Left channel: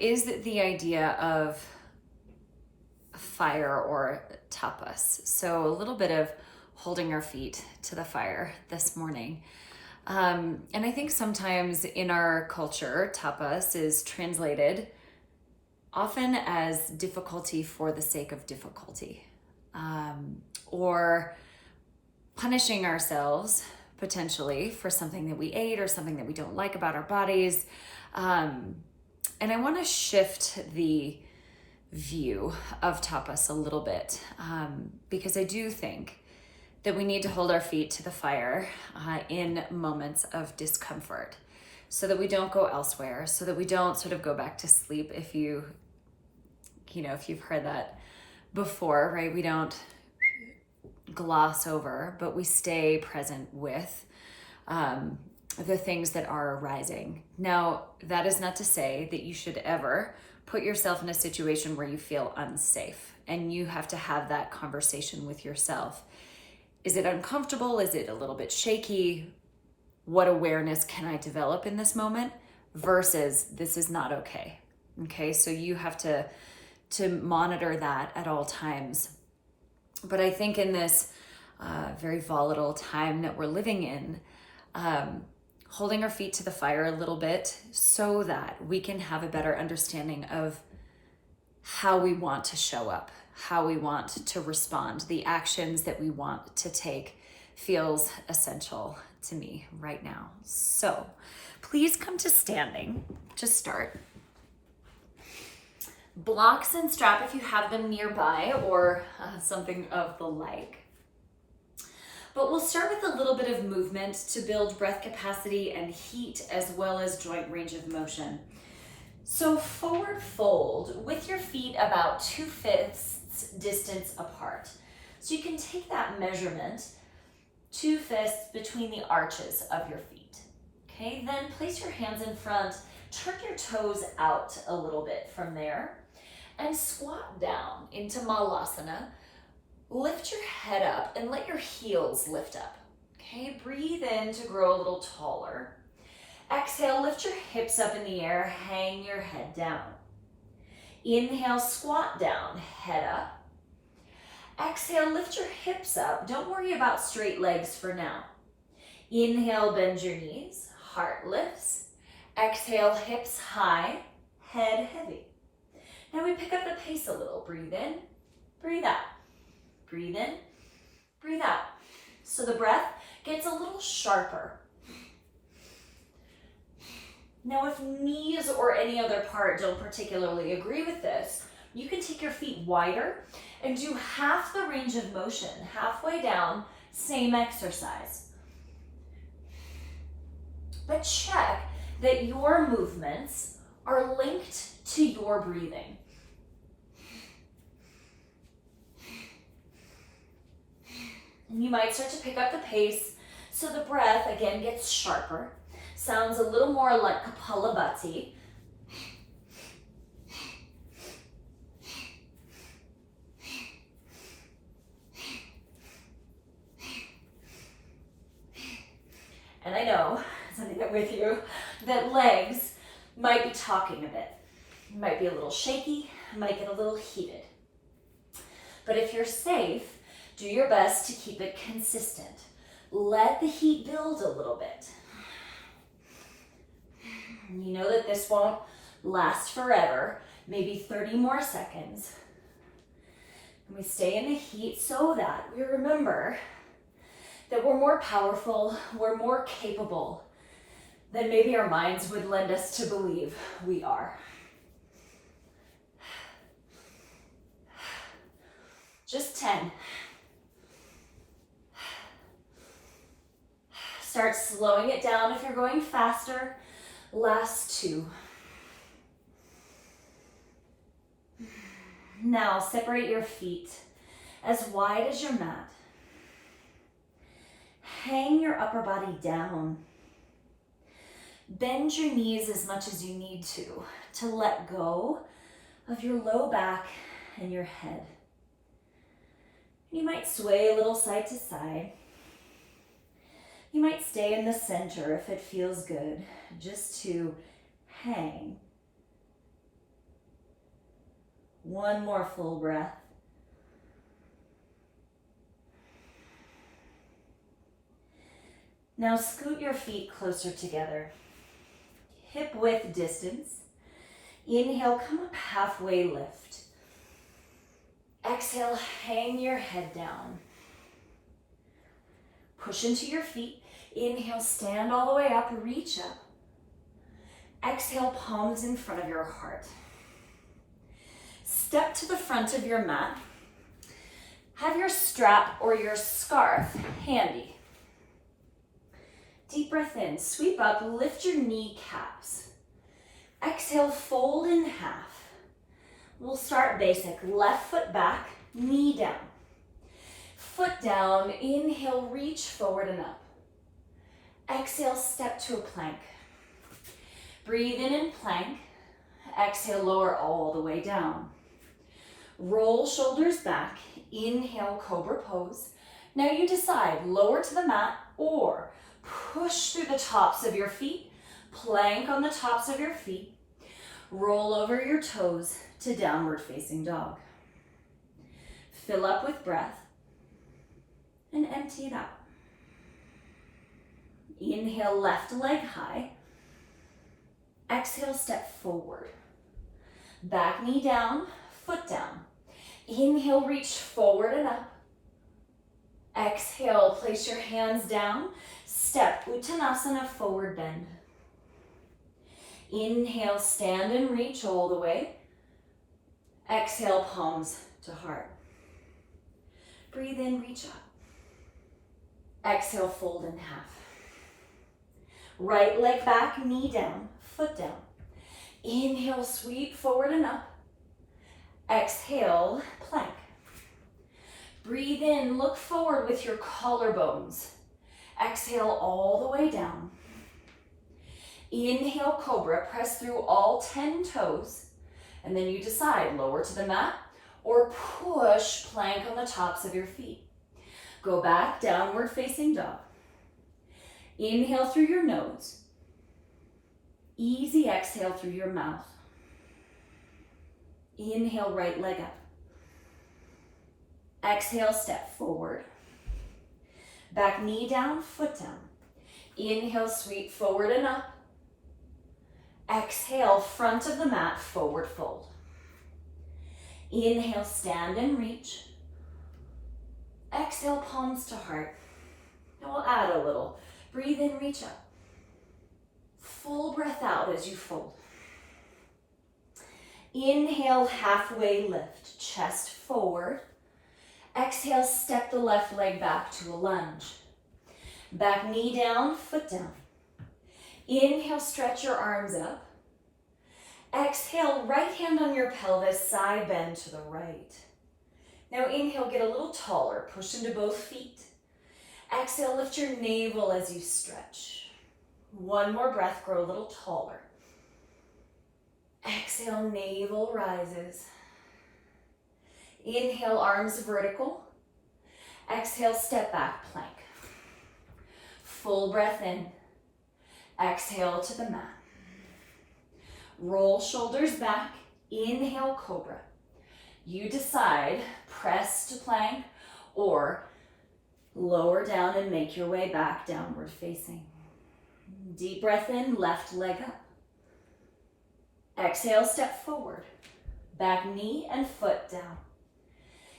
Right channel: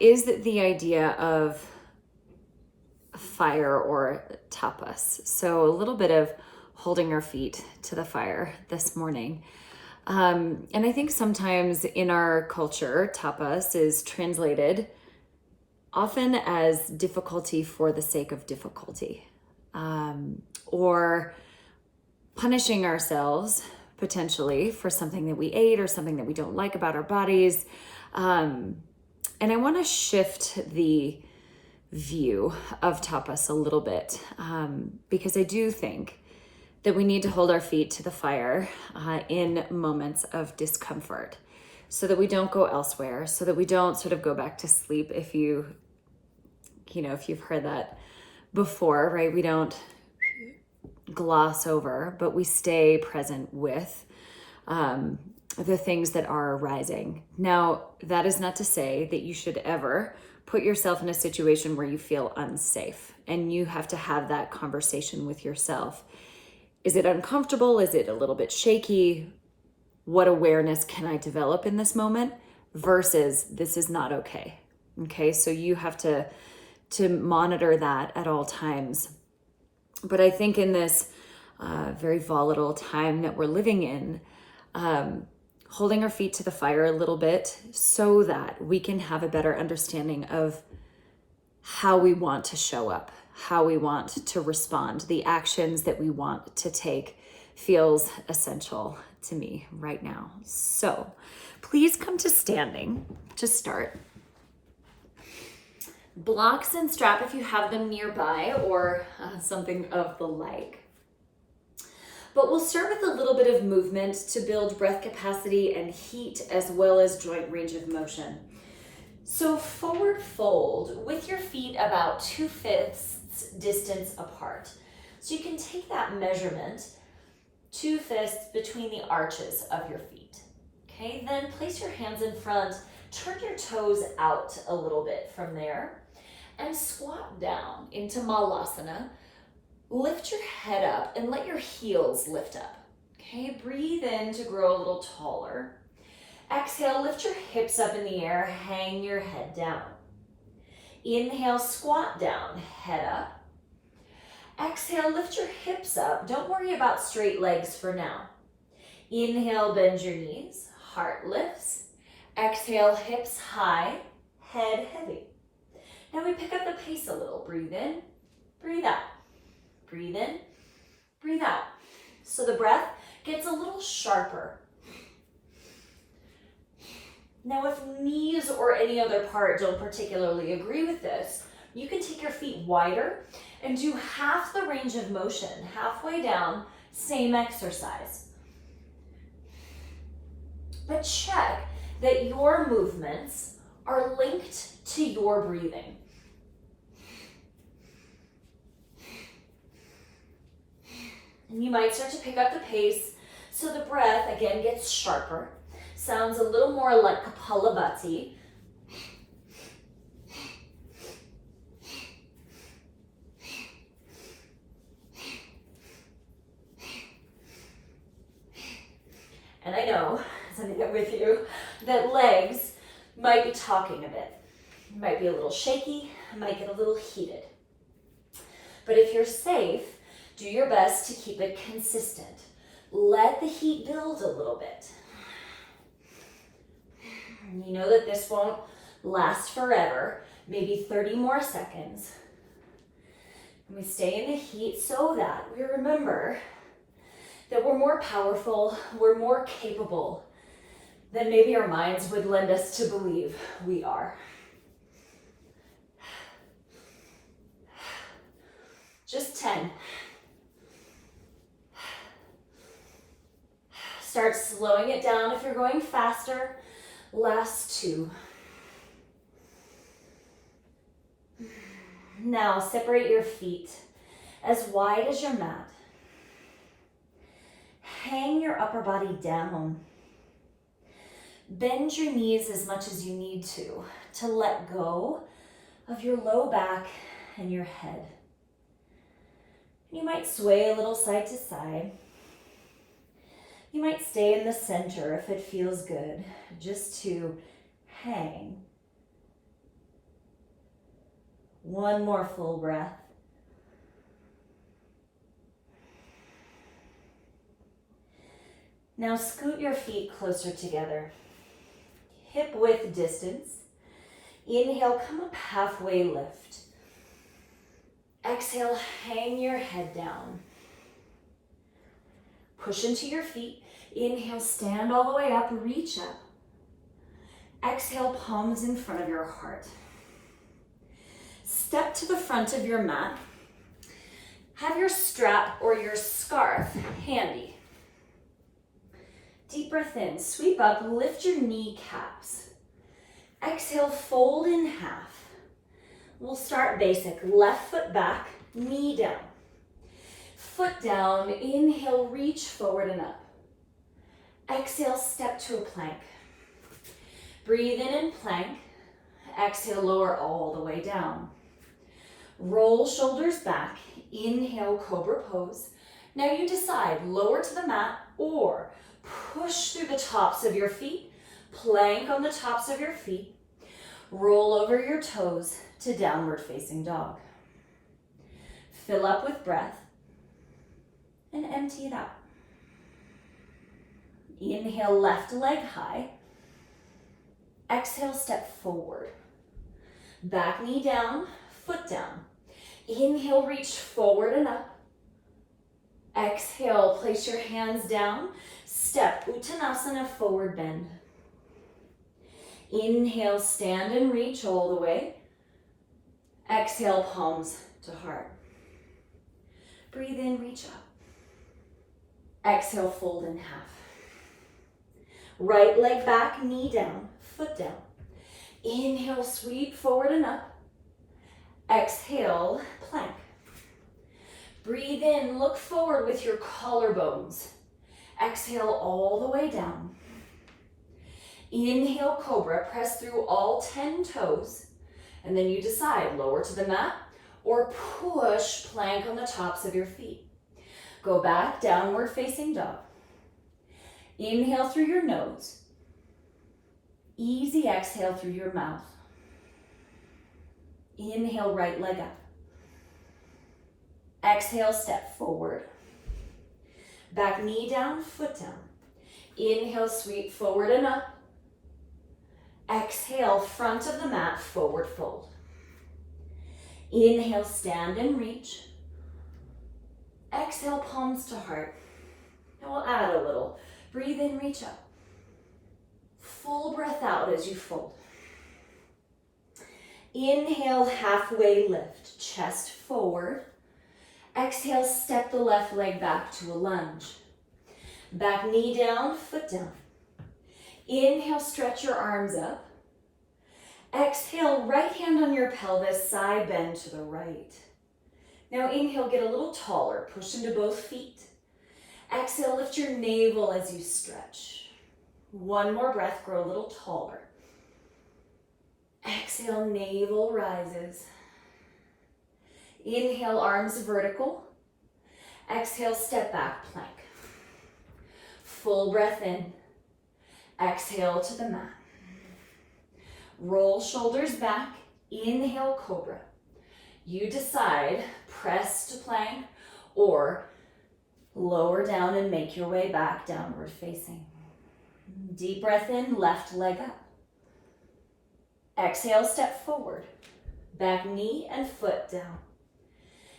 is the idea of fire or tapas. So a little bit of holding our feet to the fire this morning. And I think sometimes in our culture, tapas is translated often as difficulty for the sake of difficulty, or punishing ourselves potentially for something that we ate or something that we don't like about our bodies. And I want to shift the view of tapas a little bit, because I do think that we need to hold our feet to the fire in moments of discomfort so that we don't go elsewhere, so that we don't sort of go back to sleep. If you've heard that before, right? We don't gloss over, but we stay present with the things that are arising. Now, that is not to say that you should ever put yourself in a situation where you feel unsafe, and you have to have that conversation with yourself. Is it uncomfortable? Is it a little bit shaky? What awareness can I develop in this moment versus this is not okay? Okay, so you have to monitor that at all times. But I think in this very volatile time that we're living in, holding our feet to the fire a little bit so that we can have a better understanding of how we want to show up, how we want to respond, the actions that we want to take feels essential to me right now. So please come to standing to start. Blocks and strap if you have them nearby, or something of the like. But we'll start with a little bit of movement to build breath capacity and heat, as well as joint range of motion. So forward fold with your feet about 2/5 distance apart. So you can take that measurement, 2/5 between the arches of your feet. Okay, then place your hands in front, turn your toes out a little bit from there, and squat down into Malasana. Lift your head up and let your heels lift up. Okay, breathe in to grow a little taller. Exhale, lift your hips up in the air, hang your head down. Inhale, squat down, head up. Exhale, lift your hips up. Don't worry about straight legs for now. Inhale, bend your knees, heart lifts. Exhale, hips high, head heavy. Now we pick up the pace a little. Breathe in, breathe out. Breathe in, breathe out. So the breath gets a little sharper. Now, if knees or any other part don't particularly agree with this, you can take your feet wider and do half the range of motion, halfway down, same exercise. But check that your movements are linked to your breathing. And you might start to pick up the pace so the breath again gets sharper. Sounds a little more like Kapalabhati. And I know, as I'm with you, that legs might be talking a bit. You might be a little shaky, might get a little heated. But if you're safe, do your best to keep it consistent. Let the heat build a little bit. You know that this won't last forever, maybe 30 more seconds. And we stay in the heat so that we remember that we're more powerful, we're more capable than maybe our minds would lend us to believe we are. Just 10. Start slowing it down if you're going faster. Last 2. Now separate your feet as wide as your mat. Hang your upper body down. Bend your knees as much as you need to let go of your low back and your head. You might sway a little side to side. You might stay in the center if it feels good, just to hang One more full breath. Now scoot your feet closer together. Hip width distance. Inhale, come up halfway, lift. Exhale, hang your head down. Push into your feet. Inhale, stand all the way up, reach up. Exhale, palms in front of your heart. Step to the front of your mat. Have your strap or your scarf handy. Deep breath in, sweep up, lift your kneecaps. Exhale, fold in half. We'll start basic. Left foot back, knee down. Foot down, inhale, reach forward and up. Exhale, step to a plank. Breathe in plank. Exhale, lower all the way down. Roll shoulders back. Inhale, cobra pose. Now you decide, lower to the mat or push through the tops of your feet. Plank on the tops of your feet. Roll over your toes to downward facing dog. Fill up with breath and empty it out. Inhale, left leg high. Exhale, step forward. Back knee down, foot down. Inhale, reach forward and up. Exhale, place your hands down. Step Uttanasana, forward bend. Inhale, stand and reach all the way. Exhale, palms to heart. Breathe in, reach up. Exhale, fold in half. Right leg back, knee down, foot down. Inhale, sweep forward and up. Exhale, plank. Breathe in, look forward with your collarbones. Exhale all the way down. Inhale, cobra, press through all 10 toes, and then you decide, lower to the mat or push plank on the tops of your feet. Go back, downward facing dog. Inhale through your nose. Easy exhale through your mouth. Inhale, right leg up. Exhale, step forward. Back knee down, foot down. Inhale, sweep forward and up. Exhale, front of the mat, forward fold. Inhale, stand and reach. Exhale, palms to heart. And we'll add a little. Breathe in, reach up. Full breath out as you fold. Inhale, halfway lift, chest forward. Exhale, step the left leg back to a lunge. Back knee down, foot down. Inhale, stretch your arms up. Exhale, right hand on your pelvis, side bend to the right. Now inhale, get a little taller, push into both feet. Exhale, lift your navel as you stretch. One more breath, grow a little taller. Exhale, navel rises. Inhale, arms vertical. Exhale, step back, plank. Full breath in. Exhale to the mat. Roll shoulders back. Inhale, cobra. You decide, press to plank or lower down and make your way back, downward facing. Deep breath in, left leg up. Exhale, step forward. Back knee and foot down.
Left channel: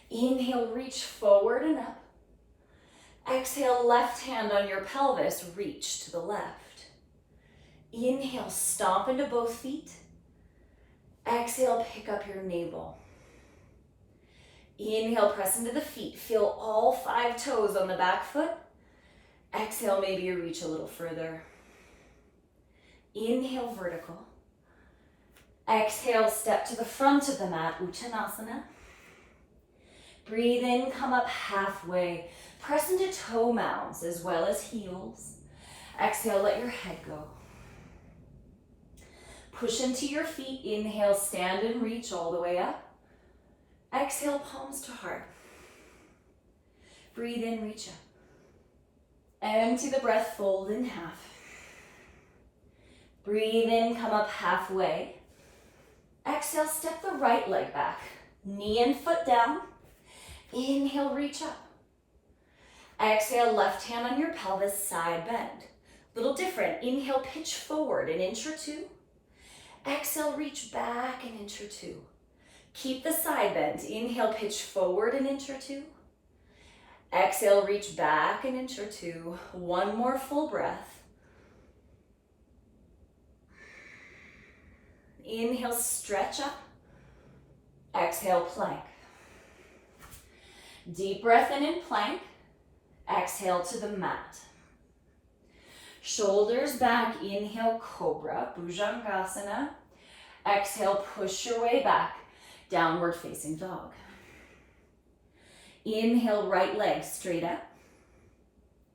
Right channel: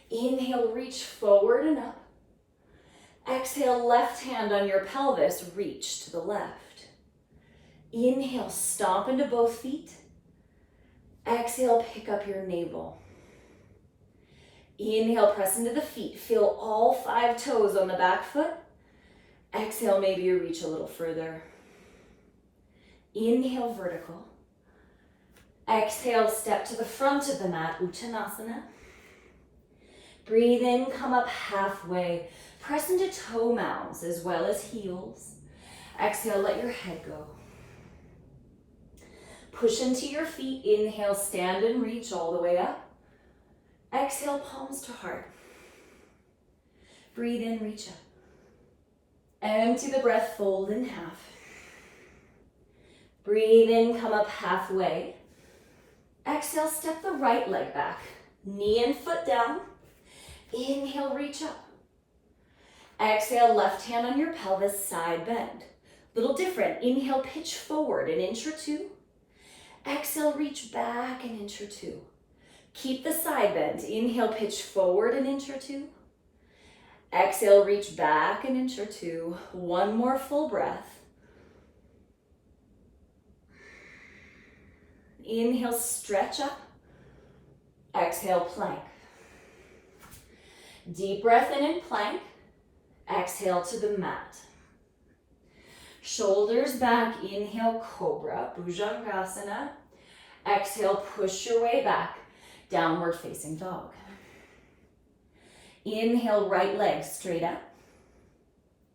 Inhale, reach forward and up. Exhale, left hand on your pelvis, reach to the left. Inhale, stomp into both feet. Exhale, pick up your navel. Inhale, press into the feet. Feel all 5 toes on the back foot. Exhale, maybe you reach a little further. Inhale, vertical. Exhale, step to the front of the mat, Uttanasana. Breathe in, come up halfway. Press into toe mounds as well as heels. Exhale, let your head go. Push into your feet. Inhale, stand and reach all the way up. Exhale, palms to heart. Breathe in, reach up. Empty the breath, fold in half. Breathe in, come up halfway. Exhale, step the right leg back. Knee and foot down. Inhale, reach up. Exhale, left hand on your pelvis, side bend. Little different. Inhale, pitch forward an inch or two. Exhale, reach back an inch or two. Keep the side bend. Inhale, pitch forward an inch or two. Exhale, reach back an inch or two. One more full breath. Inhale, stretch up. Exhale, plank. Deep breath in plank. Exhale to the mat. Shoulders back. Inhale, cobra, bhujangasana. Exhale, push your way back. Downward facing dog. Inhale, right leg straight up.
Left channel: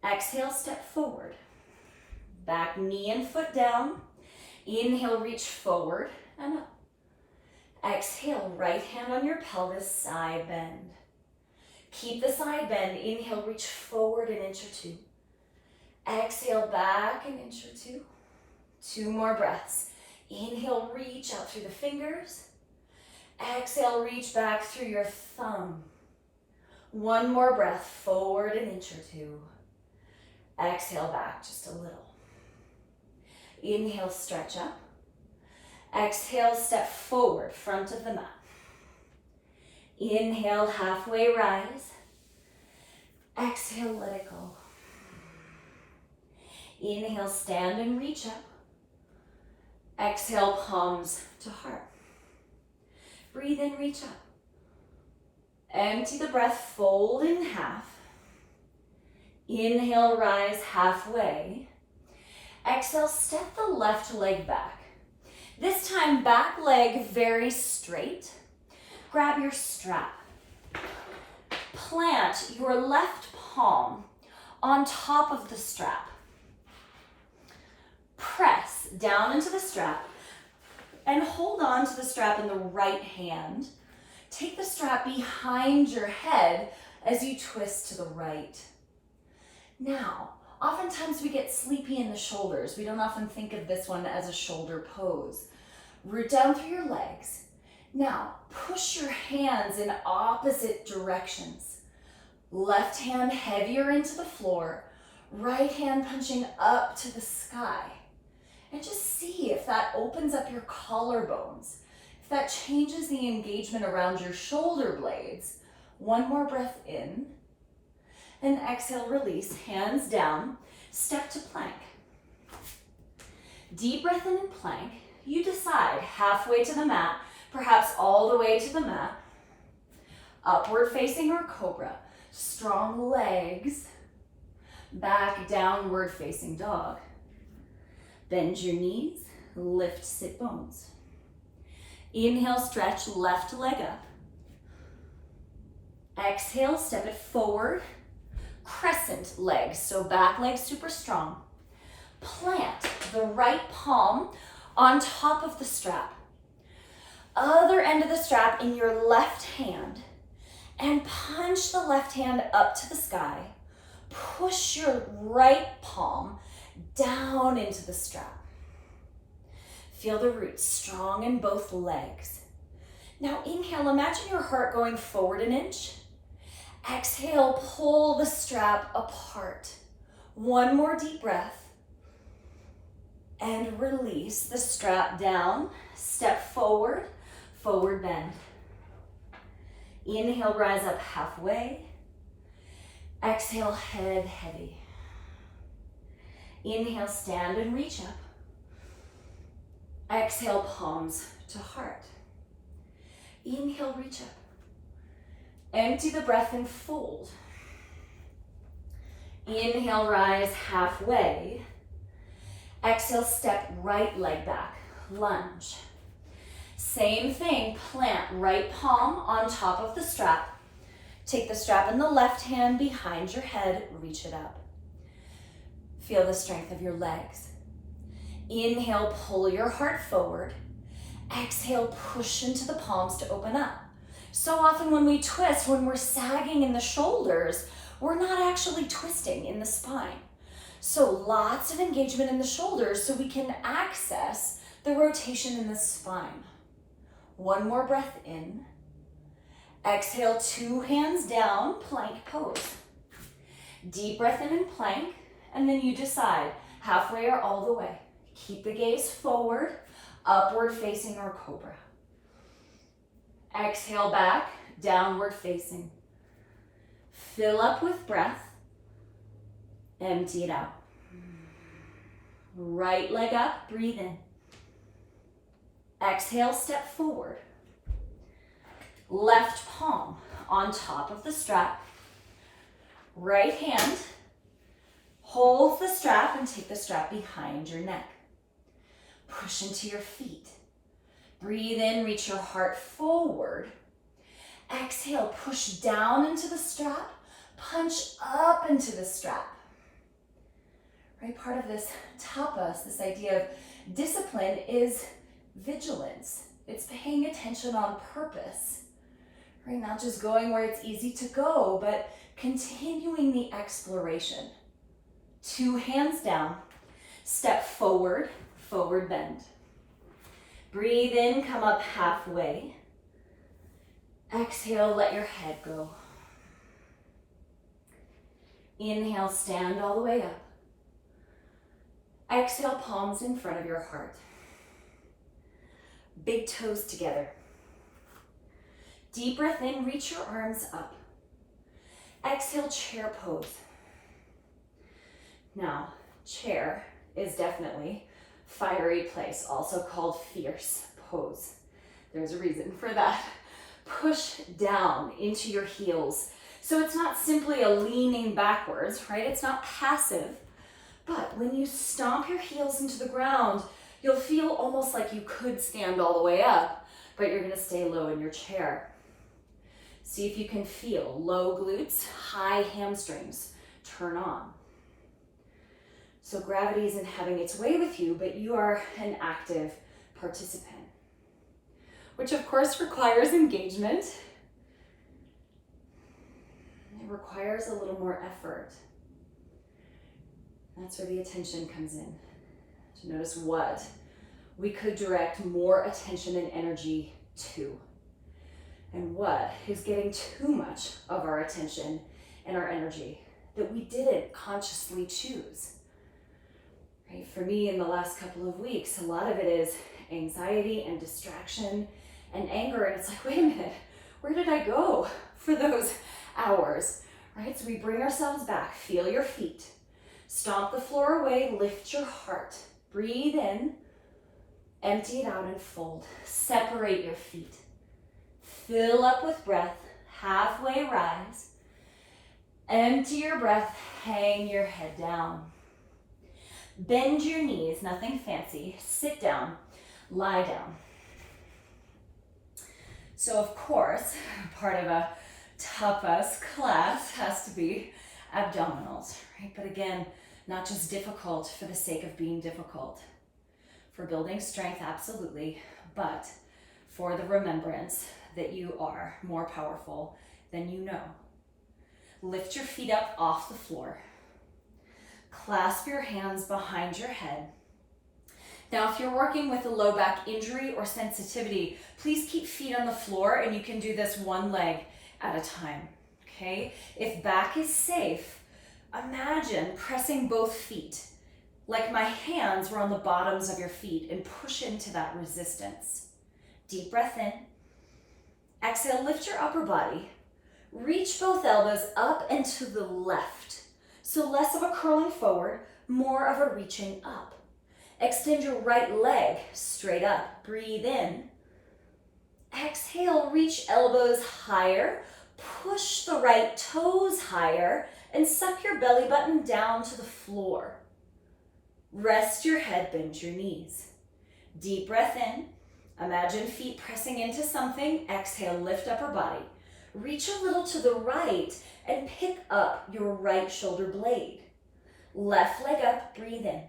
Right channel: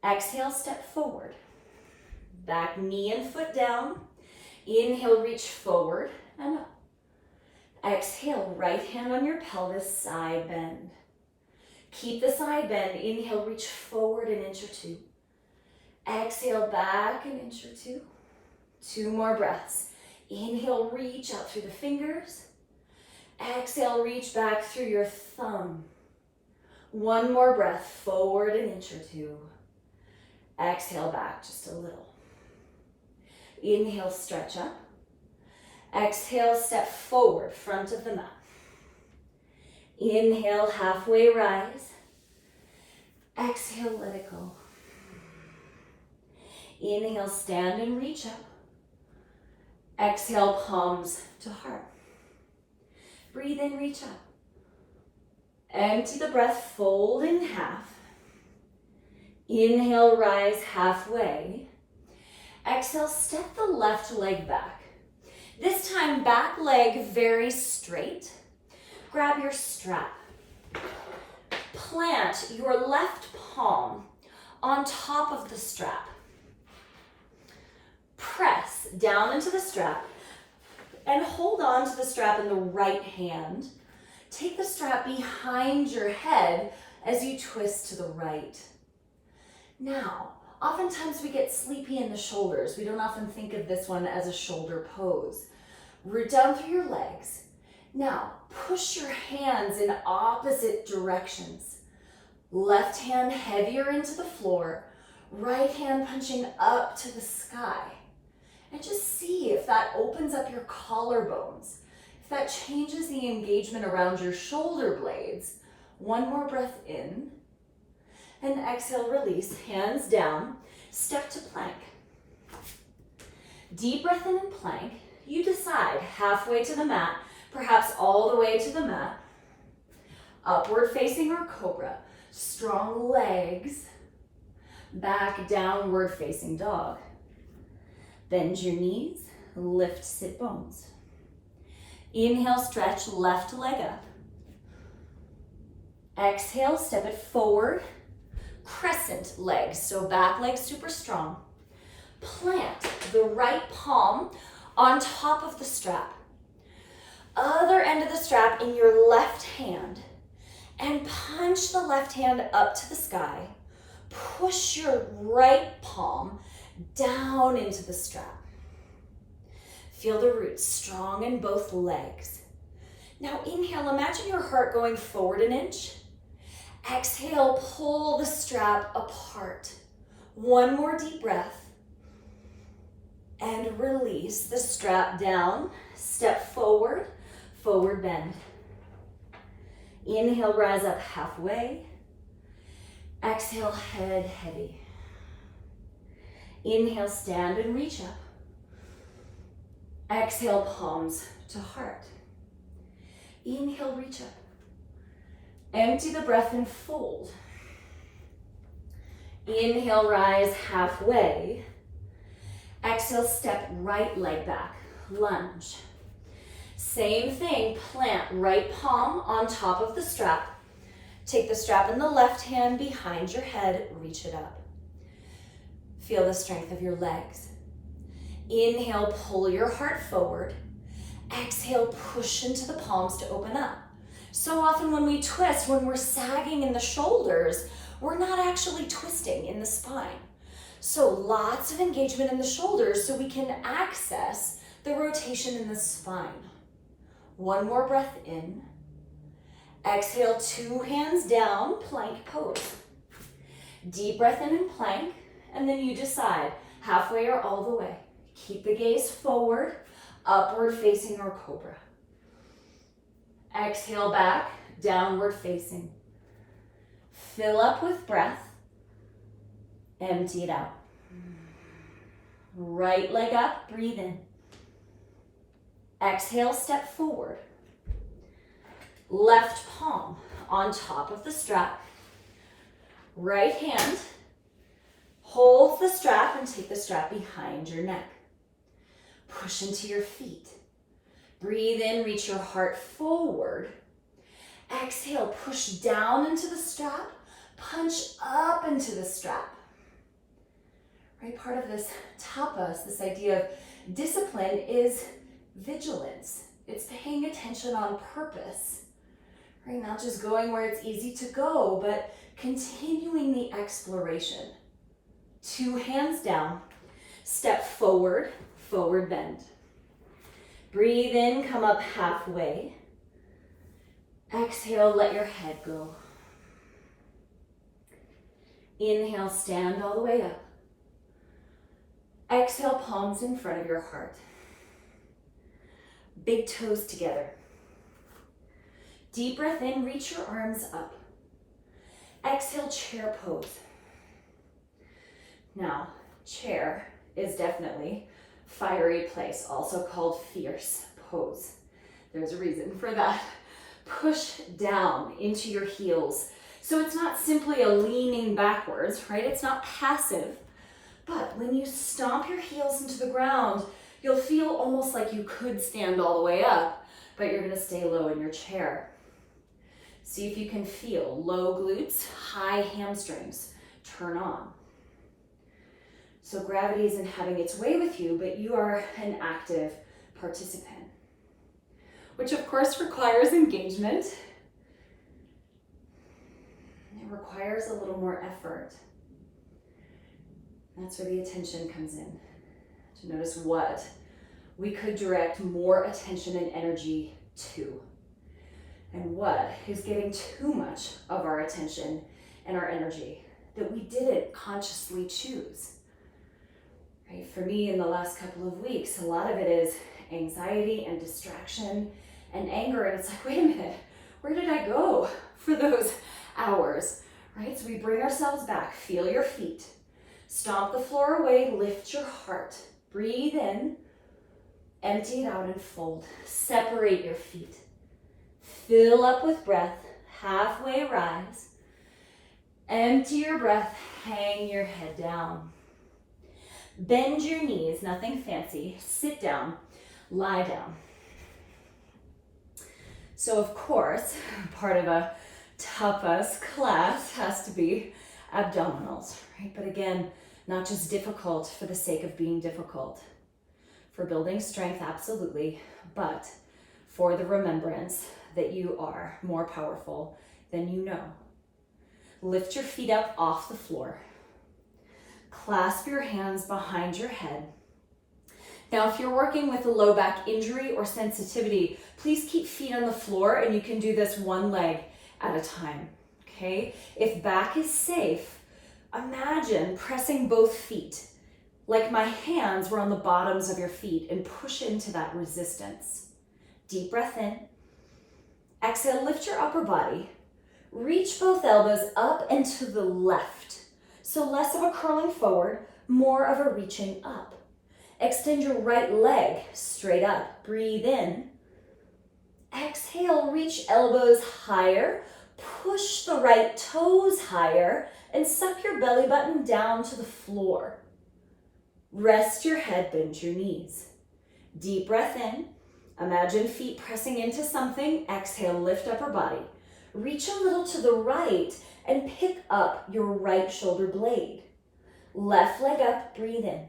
Exhale, step forward. Back knee and foot down. Inhale, reach forward and up. Exhale, right hand on your pelvis, side bend. Keep the side bend. Inhale, reach forward an inch or two. Exhale, back an inch or two. Two more breaths. Inhale, reach out through the fingers. Exhale, reach back through your thumb. One more breath, forward an inch or two. Exhale, back just a little. Inhale, stretch up. Exhale, step forward, front of the mat. Inhale, halfway rise. Exhale, let it go. Inhale, stand and reach up. Exhale, palms to heart. Breathe in, reach up. Empty the breath, fold in half. Inhale, rise halfway. Exhale, step the left leg back. This time, back leg very straight. Grab your strap. Plant your left palm on top of the strap. Press down into the strap and hold on to the strap in the right hand. Take the strap behind your head as you twist to the right. Now, oftentimes we get sleepy in the shoulders. We don't often think of this one as a shoulder pose. Root down through your legs. Now, push your hands in opposite directions. Left hand heavier into the floor, right hand punching up to the sky. And just see if that opens up your collarbones, if that changes the engagement around your shoulder blades. One more breath in. And exhale, release, hands down, step to plank. Deep breath in plank. You decide, halfway to the mat, perhaps all the way to the mat. Upward facing or cobra. Strong legs. Back downward facing dog. Bend your knees, lift sit bones. Inhale, stretch left leg up. Exhale, step it forward. Crescent legs, so back leg super strong. Plant the right palm on top of the strap. Other end of the strap in your left hand. And punch the left hand up to the sky. Push your right palm down into the strap. Feel the roots strong in both legs. Now inhale, imagine your heart going forward an inch. Exhale, pull the strap apart. One more deep breath. And release the strap down. Step forward, forward bend. Inhale, rise up halfway. Exhale, head heavy. Inhale, stand and reach up. Exhale, palms to heart. Inhale, reach up. Empty the breath and fold. Inhale, rise halfway. Exhale, step right leg back, lunge. Same thing, plant right palm on top of the strap. Take the strap in the left hand behind your head, reach it up. Feel the strength of your legs. Inhale, pull your heart forward. Exhale, push into the palms to open up. So often when we twist, when we're sagging in the shoulders, we're not actually twisting in the spine. So lots of engagement in the shoulders so we can access the rotation in the spine. One more breath in. Exhale, 2 hands down, plank pose. Deep breath in plank, and then you decide halfway or all the way. Keep the gaze forward, upward facing or cobra. Exhale back, downward facing. Fill up with breath, empty it out. Right leg up, breathe in. Exhale, step forward. Left palm on top of the strap. Right hand holds the strap and take the strap behind your neck. Push into your feet. Breathe in, reach your heart forward. Exhale, push down into the strap, punch up into the strap. Right, part of this tapas, this idea of discipline, is vigilance. It's paying attention on purpose. Right, not just going where it's easy to go, but continuing the exploration. 2 hands down, step forward, forward bend. Breathe in, come up halfway. Exhale, let your head go. Inhale, stand all the way up. Exhale, palms in front of your heart. Big toes together. Deep breath in, reach your arms up. Exhale, chair pose. Now, chair is definitely fiery place, also called fierce pose. There's a reason for that. Push down into your heels. So it's not simply a leaning backwards, right? It's not passive. But when you stomp your heels into the ground, you'll feel almost like you could stand all the way up, but you're gonna stay low in your chair. See if you can feel low glutes, high hamstrings turn on. So gravity isn't having its way with you, but you are an active participant, which of course requires engagement. It requires a little more effort. That's where the attention comes in. To notice what we could direct more attention and energy to, and what is getting too much of our attention and our energy that we didn't consciously choose. Right? For me, in the last couple of weeks, a lot of it is anxiety and distraction and anger, and it's like, wait a minute, where did I go for those hours? Right? So we bring ourselves back. Feel your feet. Stomp the floor away, lift your heart. Breathe in, empty it out and fold. Separate your feet. Fill up with breath, halfway rise. Empty your breath, hang your head down. Bend your knees, nothing fancy. Sit down, lie down. So of course, part of a tapas class has to be abdominals, right? But again, not just difficult for the sake of being difficult. For building strength, absolutely, but for the remembrance that you are more powerful than you know. Lift your feet up off the floor. Clasp your hands behind your head. Now, if you're working with a low back injury or sensitivity, please keep feet on the floor, and you can do this one leg at a time, okay? If back is safe, imagine pressing both feet like my hands were on the bottoms of your feet and push into that resistance. Deep breath in. Exhale, lift your upper body. Reach both elbows up and to the left. So less of a curling forward, more of a reaching up. Extend your right leg straight up. Breathe in. Exhale, reach elbows higher. Push the right toes higher and suck your belly button down to the floor. Rest your head, bend your knees. Deep breath in. Imagine feet pressing into something. Exhale, lift upper body. Reach a little to the right and pick up your right shoulder blade. Left leg up, breathe in.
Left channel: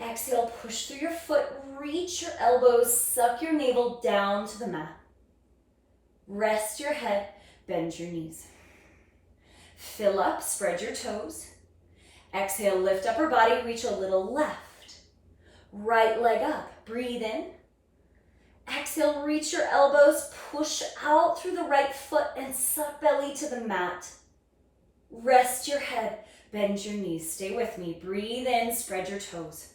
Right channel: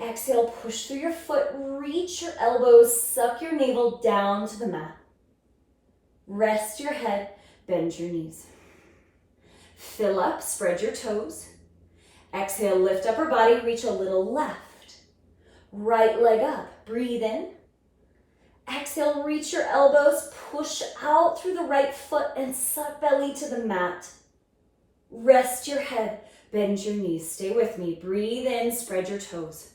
Exhale, push through your foot, reach your elbows, suck your navel down to the mat. Rest your head, bend your knees. Fill up, spread your toes. Exhale, lift upper body, reach a little left. Right leg up, breathe in. Exhale, reach your elbows, push out through the right foot and suck belly to the mat. Rest your head, bend your knees. Stay with me. Breathe in, spread your toes.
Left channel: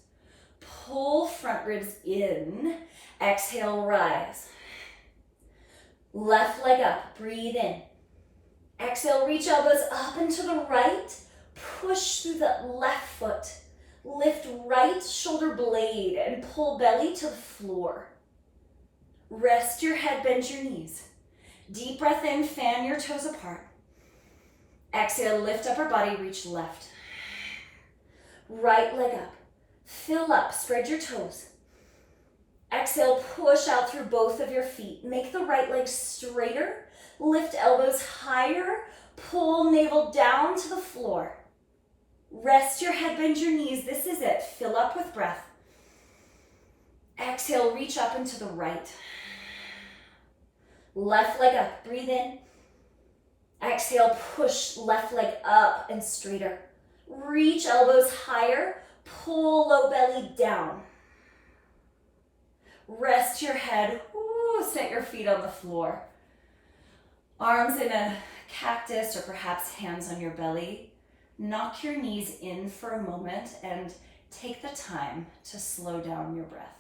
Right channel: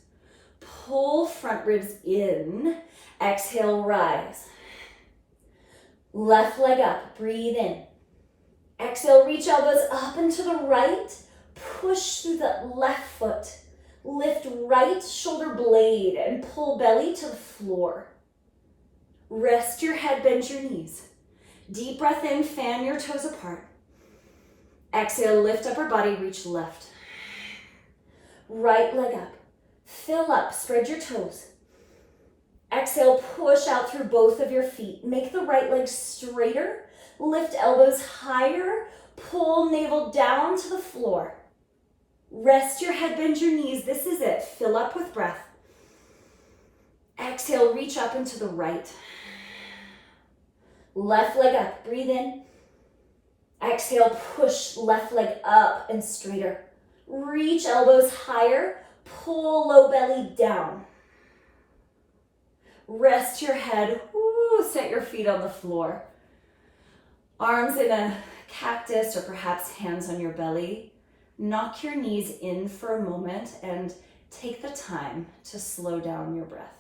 Pull front ribs in. Exhale, rise. Left leg up, breathe in. Exhale, reach elbows up and to the right. Push through the left foot. Lift right shoulder blade and pull belly to the floor. Rest your head, bend your knees. Deep breath in, fan your toes apart. Exhale, lift upper body, reach left. Right leg up. Fill up, spread your toes. Exhale, push out through both of your feet. Make the right leg straighter. Lift elbows higher. Pull navel down to the floor. Rest your head, bend your knees. This is it. Fill up with breath. Exhale, reach up and to the right. Left leg up, breathe in. Exhale, push left leg up and straighter. Reach elbows higher. Pull low belly down. Rest your head. Ooh, set your feet on the floor. Arms in a cactus or perhaps hands on your belly. Knock your knees in for a moment and take the time to slow down your breath.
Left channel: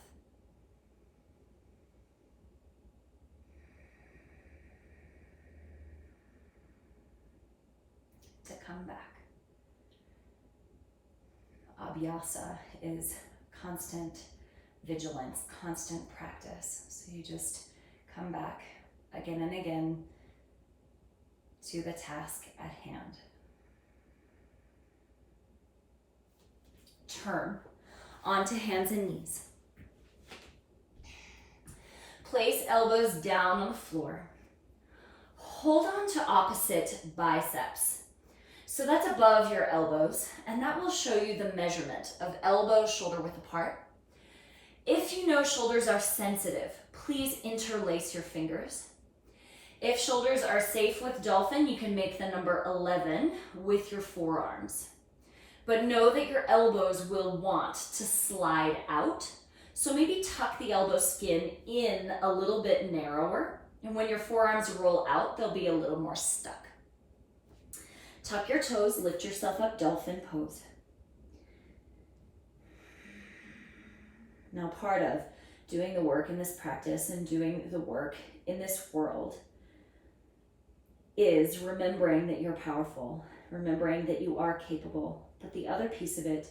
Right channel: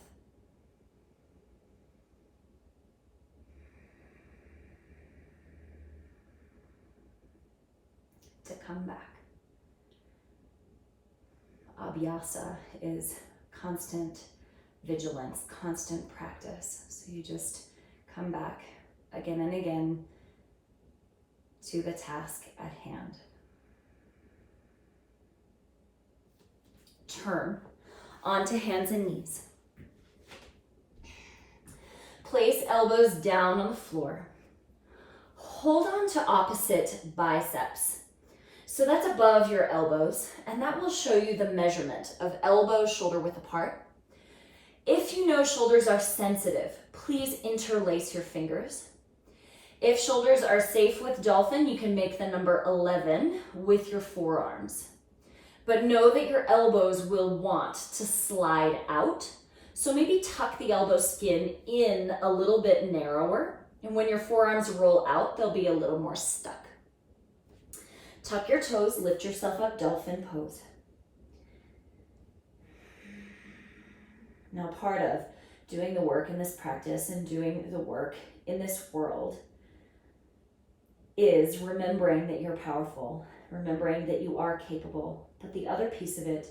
To come back. Abhyasa is constant vigilance, constant practice. So you just come back again and again to the task at hand. Turn onto hands and knees. Place elbows down on the floor. Hold on to opposite biceps. So that's above your elbows, and that will show you the measurement of elbow shoulder width apart. If you know shoulders are sensitive, please interlace your fingers. If shoulders are safe with dolphin, you can make the number 11 with your forearms. But know that your elbows will want to slide out. So maybe tuck the elbow skin in a little bit narrower. And when your forearms roll out, they'll be a little more stuck. Tuck your toes, lift yourself up, dolphin pose. Now, part of doing the work in this practice and doing the work in this world is remembering that you're powerful, remembering that you are capable. But the other piece of it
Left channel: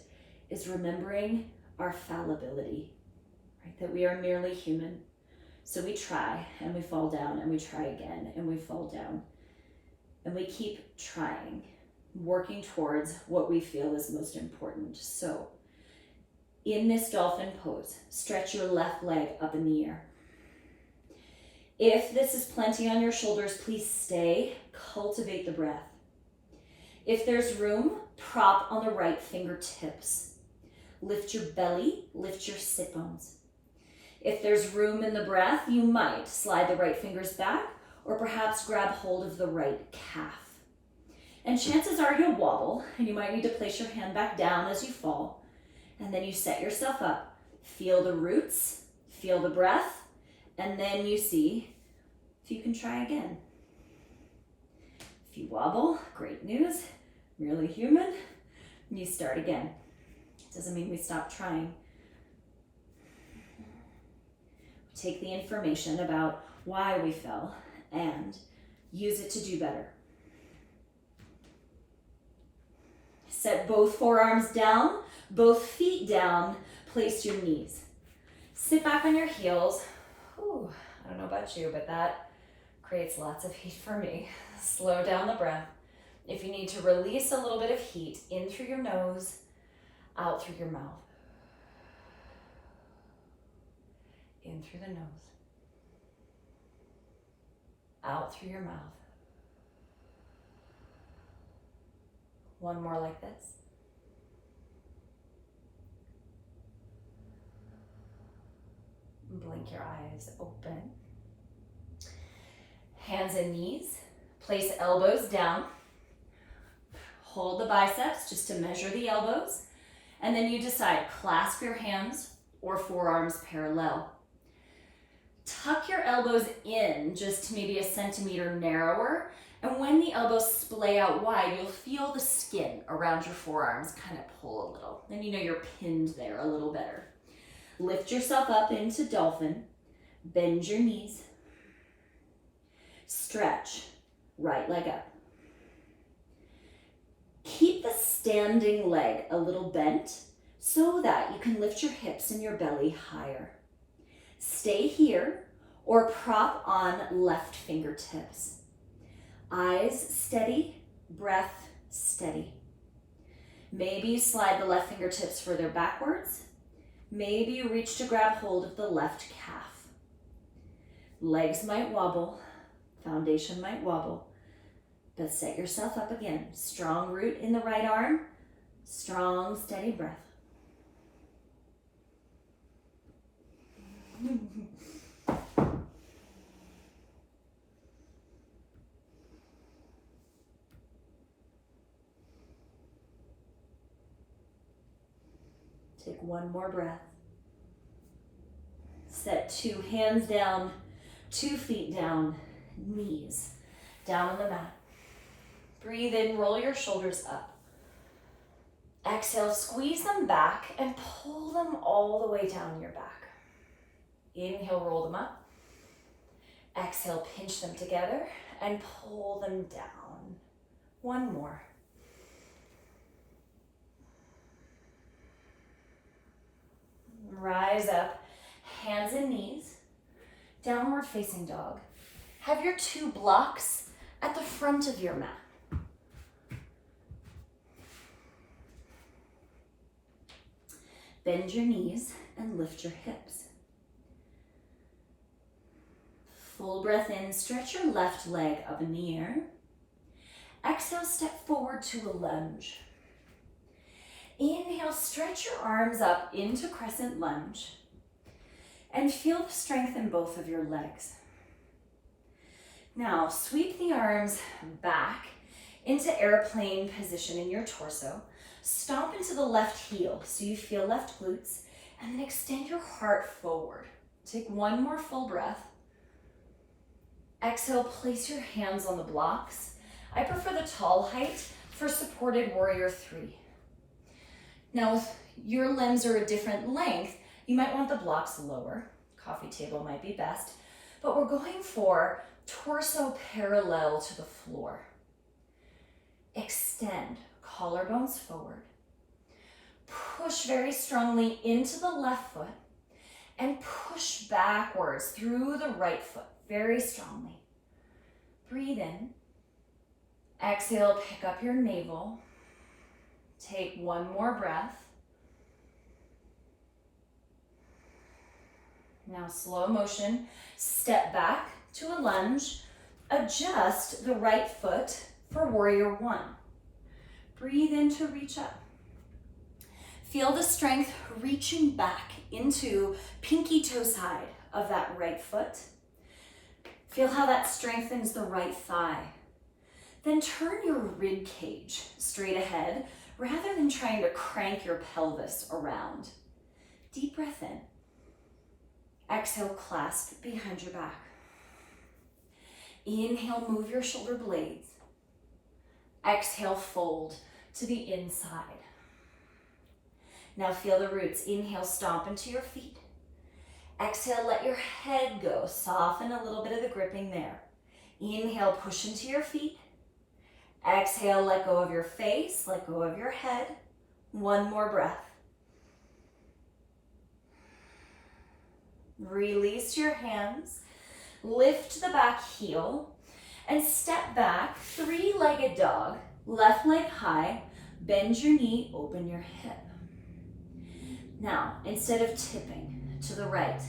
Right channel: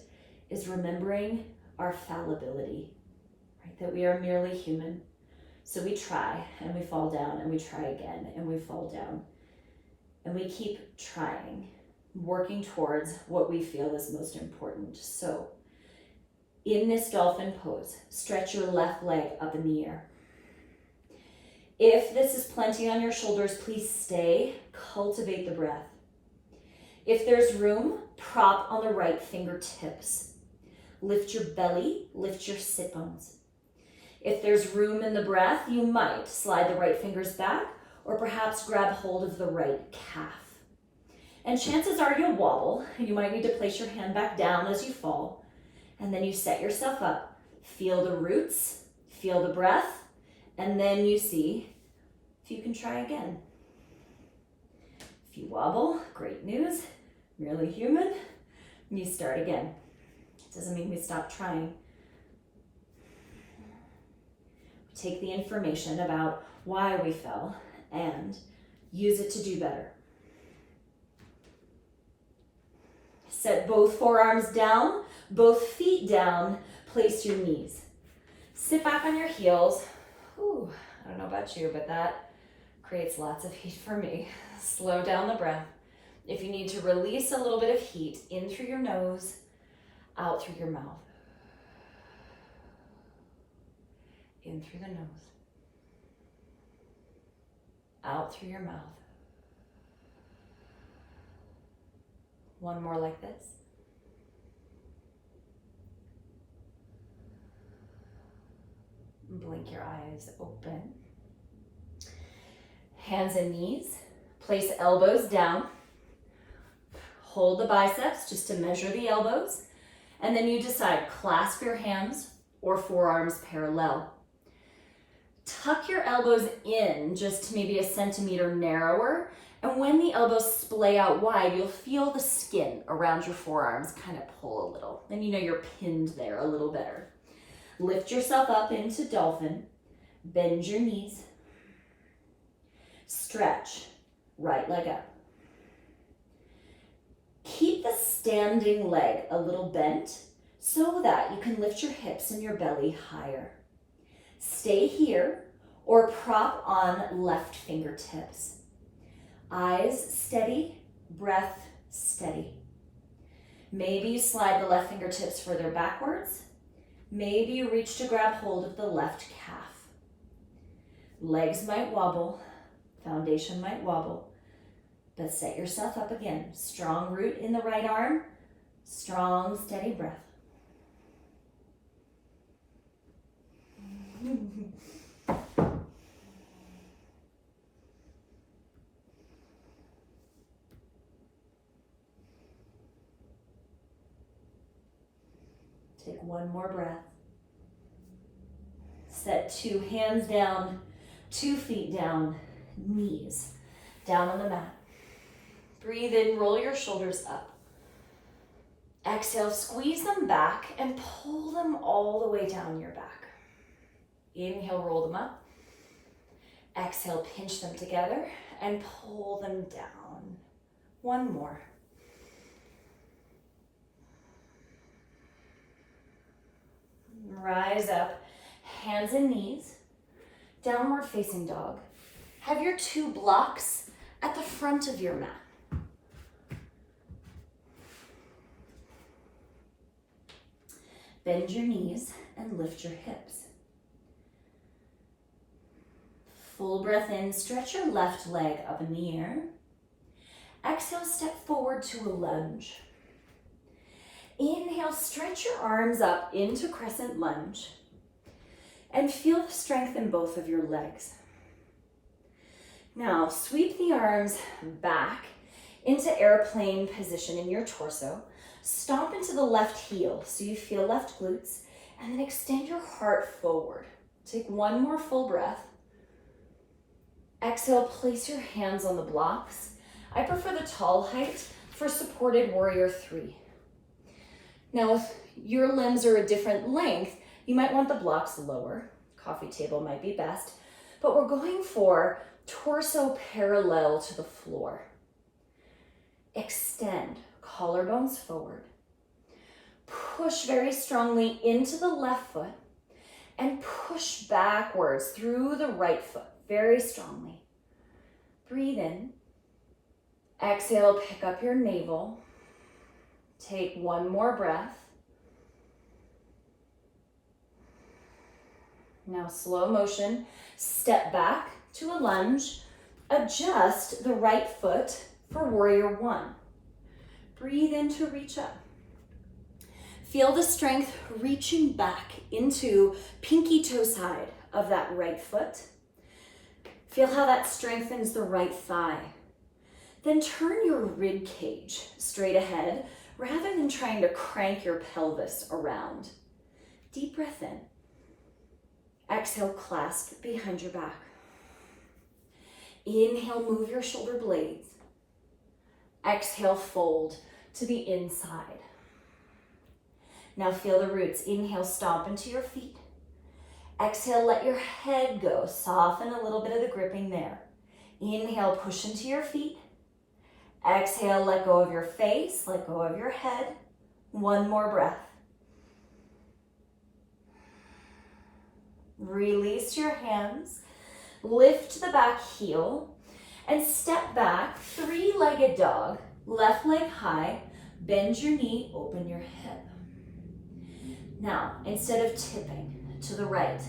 is remembering our fallibility, right? That we are merely human. So we try and we fall down and we try again and we fall down. And we keep trying, working towards what we feel is most important. So in this dolphin pose, stretch your left leg up in the air. If this is plenty on your shoulders, please stay, cultivate the breath. If there's room, prop on the right fingertips. Lift your belly, lift your sit bones. If there's room in the breath, you might slide the right fingers back or perhaps grab hold of the right calf. And chances are you'll wobble and you might need to place your hand back down as you fall. And then you set yourself up. Feel the roots, feel the breath, and then you see if you can try again. If you wobble, great news, merely human, and you start again. It doesn't mean we stop trying. We take the information about why we fell and use it to do better. Set both forearms down, both feet down, place your knees. Sit back on your heels. Ooh, I don't know about you, but that creates lots of heat for me. Slow down the breath. If you need to release a little bit of heat in through your nose, out through your mouth. In through the nose. Out through your mouth. One more like this. Blink your eyes open. Hands and knees. Place elbows down. Hold the biceps just to measure the elbows. And then you decide, clasp your hands or forearms parallel. elbows in just maybe a centimeter narrower. And when the elbows splay out wide, you'll feel the skin around your forearms kind of pull a little. Then you know you're pinned there a little better. Lift yourself up into dolphin. Bend your knees. Stretch. Right leg up. Keep the standing leg a little bent so that you can lift your hips and your belly higher. Stay here or prop on left fingertips. Eyes steady, breath steady. Maybe you slide the left fingertips further backwards. Maybe you reach to grab hold of the left calf. Legs might wobble, foundation might wobble, but set yourself up again. Strong root in the right arm, strong, steady breath. Take one more breath. Set 2 hands down, 2 feet down, knees down on the mat. Breathe in, roll your shoulders up. Exhale, squeeze them back and pull them all the way down your back. Inhale, roll them up. Exhale, pinch them together and pull them down. One more. Rise up, hands and knees, downward facing dog. Have your 2 blocks at the front of your mat. Bend your knees and lift your hips. Full breath in, stretch your left leg up in the air. Exhale, step forward to a lunge. Inhale, stretch your arms up into crescent lunge and feel the strength in both of your legs. Now, sweep the arms back into airplane position in your torso. Stomp into the left heel so you feel left glutes, and then extend your heart forward. Take one more full breath. Exhale, place your hands on the blocks. I prefer the tall height for supported warrior 3. Now, if your limbs are a different length, you might want the blocks lower. Coffee table might be best, but we're going for torso parallel to the floor. Extend, collarbones forward. Push very strongly into the left foot and push backwards through the right foot very strongly. Breathe in. Exhale, pick up your navel. Take one more breath. Now slow motion, step back to a lunge. Adjust the right foot for warrior 1. Breathe in to reach up. Feel the strength reaching back into pinky toe side of that right foot. Feel how that strengthens the right thigh. Then turn your rib cage straight ahead rather than trying to crank your pelvis around. Deep breath in. Exhale, clasp behind your back. Inhale, move your shoulder blades. Exhale, fold to the inside. Now feel the roots. Inhale, stomp into your feet. Exhale, let your head go. Soften a little bit of the gripping there. Inhale, push into your feet. Exhale, let go of your face, let go of your head. One more breath. Release your hands. Lift the back heel and step back, 3-legged dog. Left leg high, bend your knee, open your hip. Now, instead of tipping to the right,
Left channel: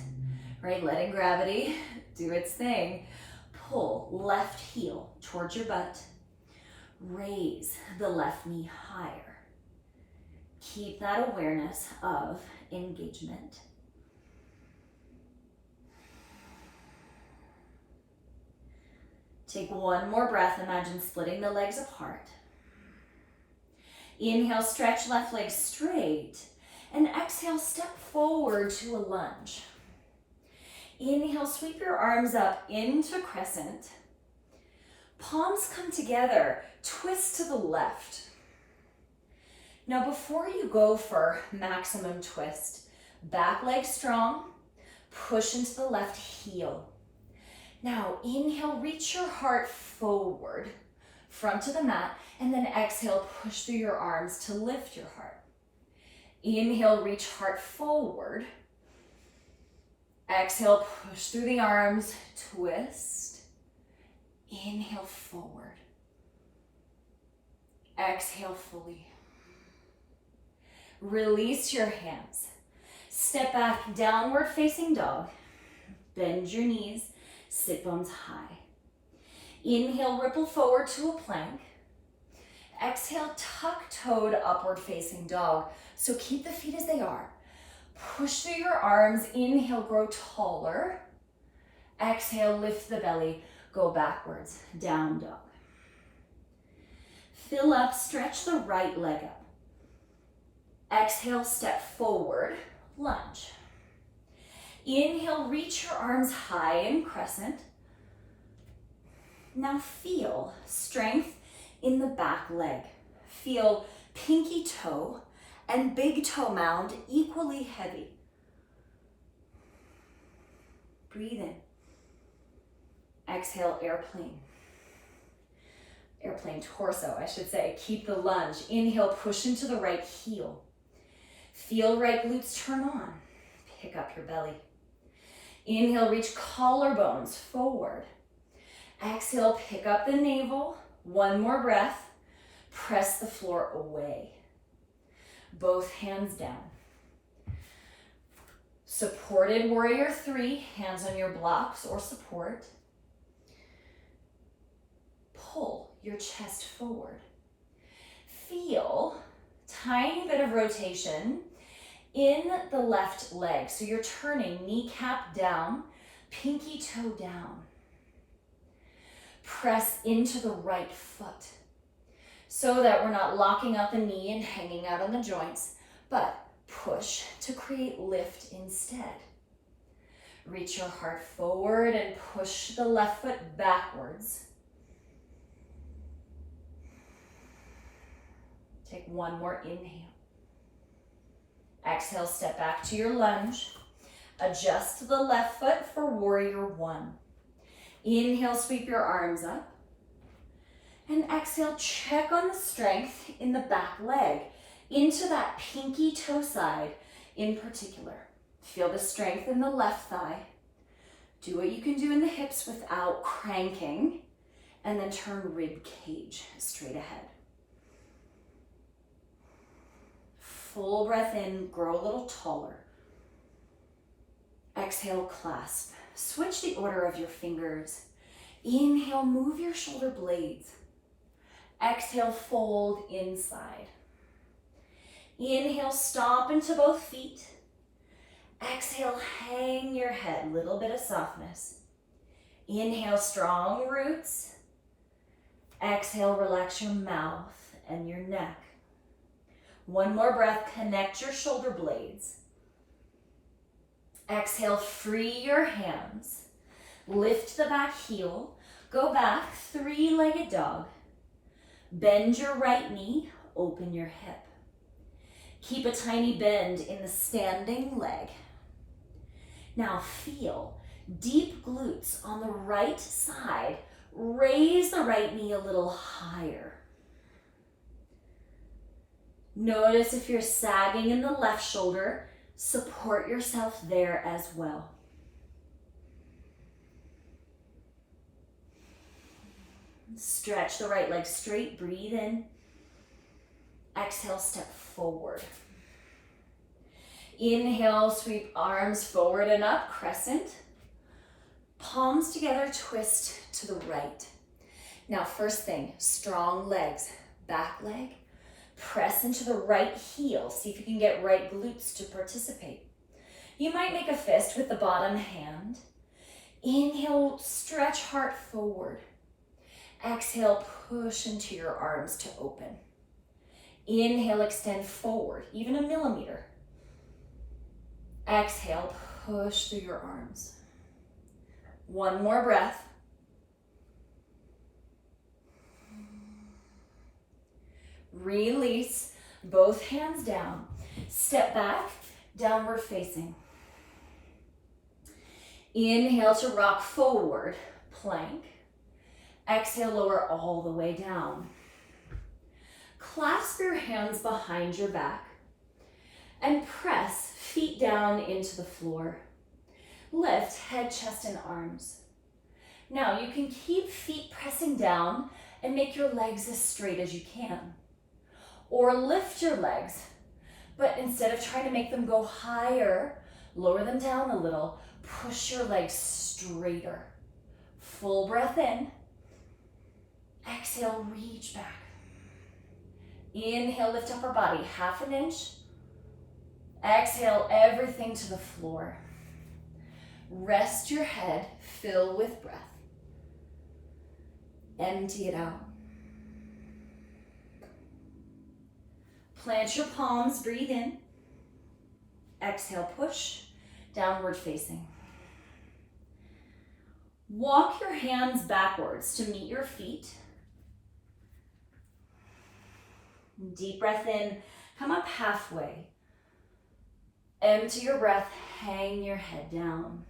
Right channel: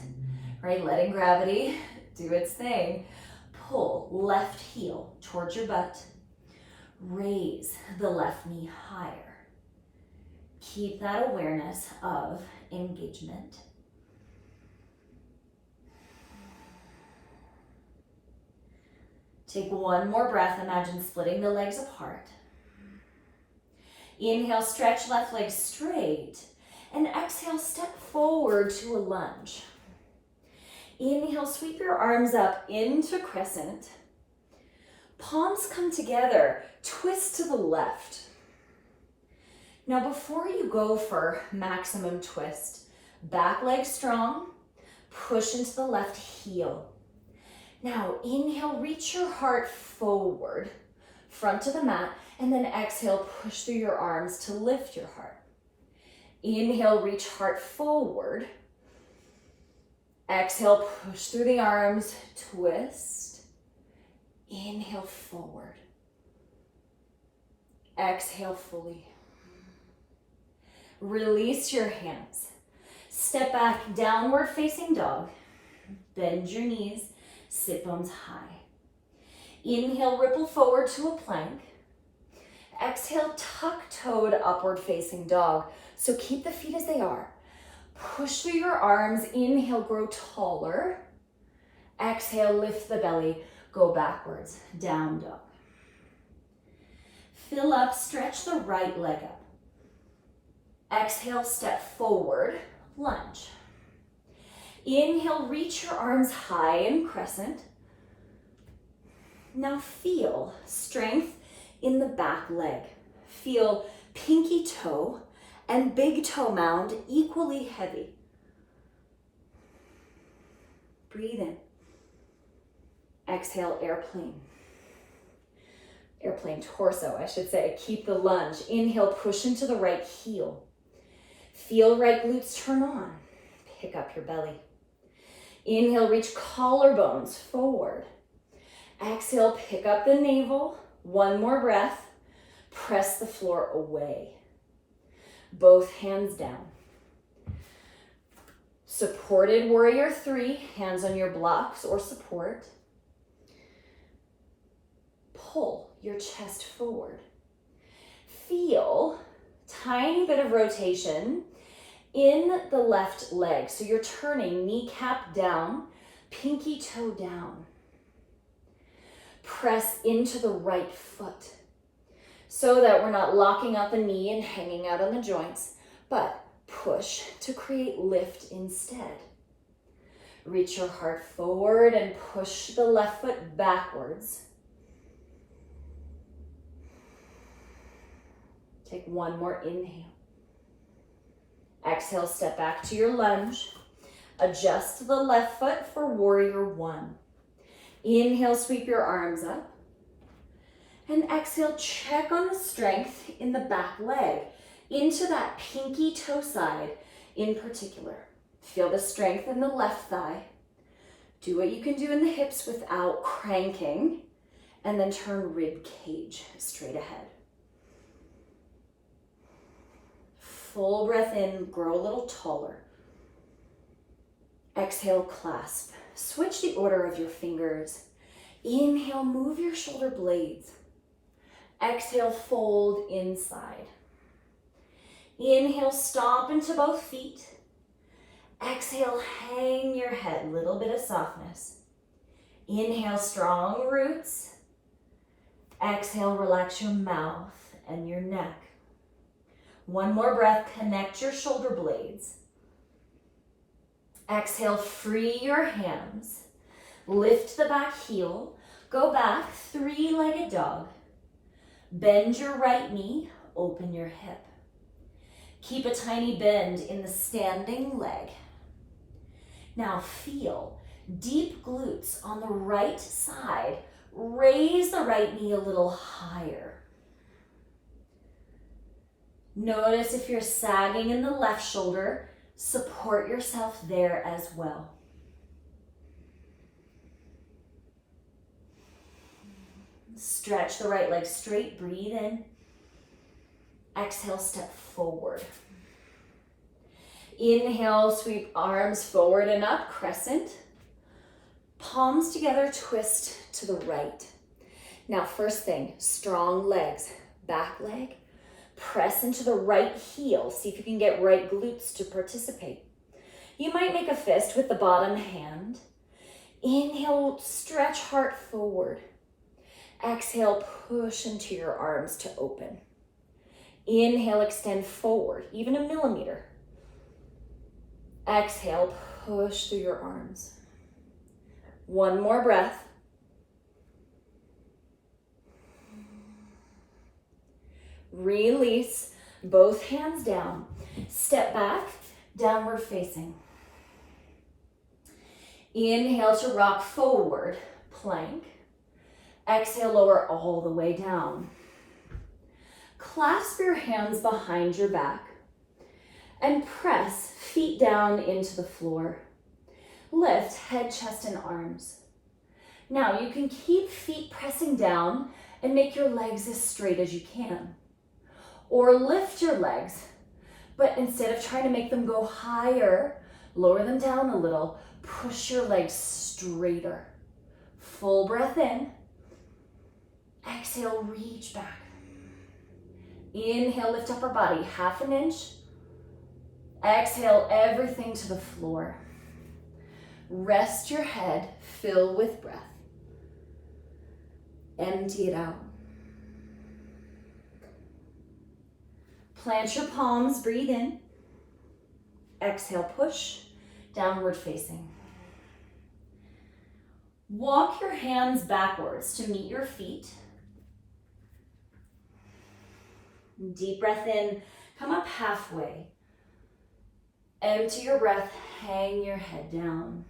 letting gravity do its thing, pull left heel towards your butt. Raise the left knee higher. Keep that awareness of engagement. Take one more breath. Imagine splitting the legs apart. Inhale, stretch left leg straight. And exhale, step forward to a lunge. Inhale, sweep your arms up into crescent. Palms come together, twist to the left. Now before you go for maximum twist, back leg strong, push into the left heel. Now inhale, reach your heart forward, front to the mat, and then exhale, push through your arms to lift your heart. Inhale, reach heart forward. Exhale, push through the arms, twist. Inhale, forward. Exhale fully. Release your hands. Step back, downward facing dog. Bend your knees, sit bones high. Inhale, ripple forward to a plank. Exhale, tuck-toed upward facing dog. So keep the feet as they are. Push through your arms. Inhale, grow taller. Exhale, lift the belly. Go backwards, down dog. Fill up, stretch the right leg up. Exhale, step forward, lunge. Inhale, reach your arms high in crescent. Now feel strength in the back leg. Feel pinky toe and big toe mound equally heavy. Breathe in. Exhale, airplane. Airplane torso, I should say. Keep the lunge. Inhale, push into the right heel. Feel right glutes turn on. Pick up your belly. Inhale, reach collarbones forward. Exhale, pick up the navel. One more breath. Press the floor away. Both hands down. Supported warrior 3, hands on your blocks or support. Pull your chest forward. Feel tiny bit of rotation in the left leg. So you're turning kneecap down, pinky toe down. Press into the right foot so that we're not locking out the knee and hanging out on the joints, but push to create lift instead. Reach your heart forward and push the left foot backwards. Take one more inhale. Exhale, step back to your lunge. Adjust to the left foot for warrior 1. Inhale, sweep your arms up. And exhale, check on the strength in the back leg, into that pinky toe side in particular. Feel the strength in the left thigh. Do what you can do in the hips without cranking, and then turn rib cage straight ahead. Full breath in, grow a little taller. Exhale, clasp. Switch the order of your fingers. Inhale, move your shoulder blades. Exhale, fold inside. Inhale, stomp into both feet. Exhale, hang your head, little bit of softness. Inhale, strong roots. Exhale, relax your mouth and your neck. One more breath, connect your shoulder blades. Exhale, free your hands. Lift the back heel. Go back, 3-legged dog. Bend your right knee, open your hip. Keep a tiny bend in the standing leg. Now feel deep glutes on the right side. Raise the right knee a little higher. Notice if you're sagging in the left shoulder, support yourself there as well. Stretch the right leg straight, breathe in. Exhale, step forward. Inhale, sweep arms forward and up, crescent. Palms together, twist to the right. Now, first thing, strong legs, back leg. Press into the right heel. See if you can get right glutes to participate. You might make a fist with the bottom hand. Inhale, stretch heart forward. Exhale, push into your arms to open. Inhale, extend forward, even a millimeter. Exhale, push through your arms. One more breath. Release, both hands down. Step back, downward facing. Inhale to rock forward, plank. Exhale, lower all the way down. Clasp your hands behind your back and press feet down into the floor. Lift head, chest, and arms. Now you can keep feet pressing down and make your legs as straight as you can. Or lift your legs, but instead of trying to make them go higher, lower them down a little. Push your legs straighter. Full breath in. Exhale, reach back. Inhale, lift upper body, 1/2 inch. Exhale, everything to the floor. Rest your head, fill with breath. Empty it out. Plant your palms, breathe in. Exhale, push, downward facing. Walk your hands backwards to meet your feet. Deep breath in, come up halfway. Empty your breath, hang your head down.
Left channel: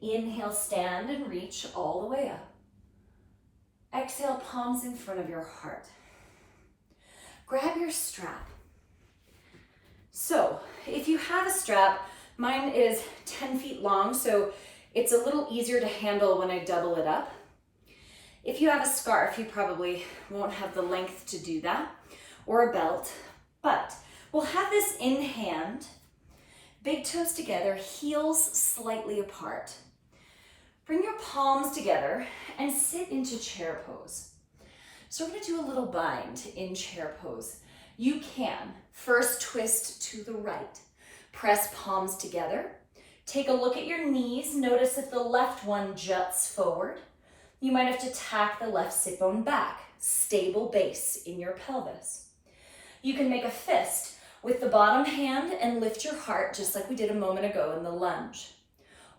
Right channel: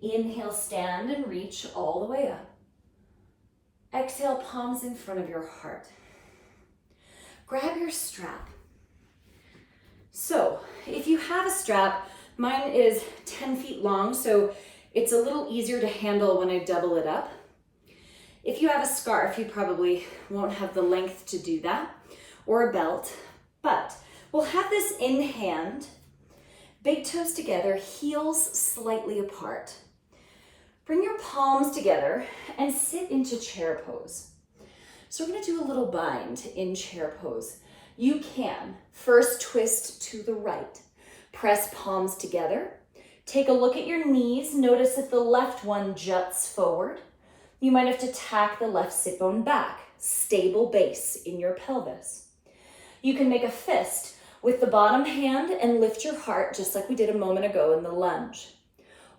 Inhale, stand and reach all the way up. Exhale, palms in front of your heart. Grab your strap. So, if you have a strap, mine is 10 feet long, so it's a little easier to handle when I double it up. If you have a scarf, you probably won't have the length to do that, or a belt, but we'll have this in hand, big toes together, heels slightly apart. Bring your palms together and sit into chair pose. So we're gonna do a little bind in chair pose. You can first twist to the right, press palms together, take a look at your knees, notice if the left one juts forward. You might have to tack the left sit bone back, stable base in your pelvis. You can make a fist with the bottom hand and lift your heart just like we did a moment ago in the lunge.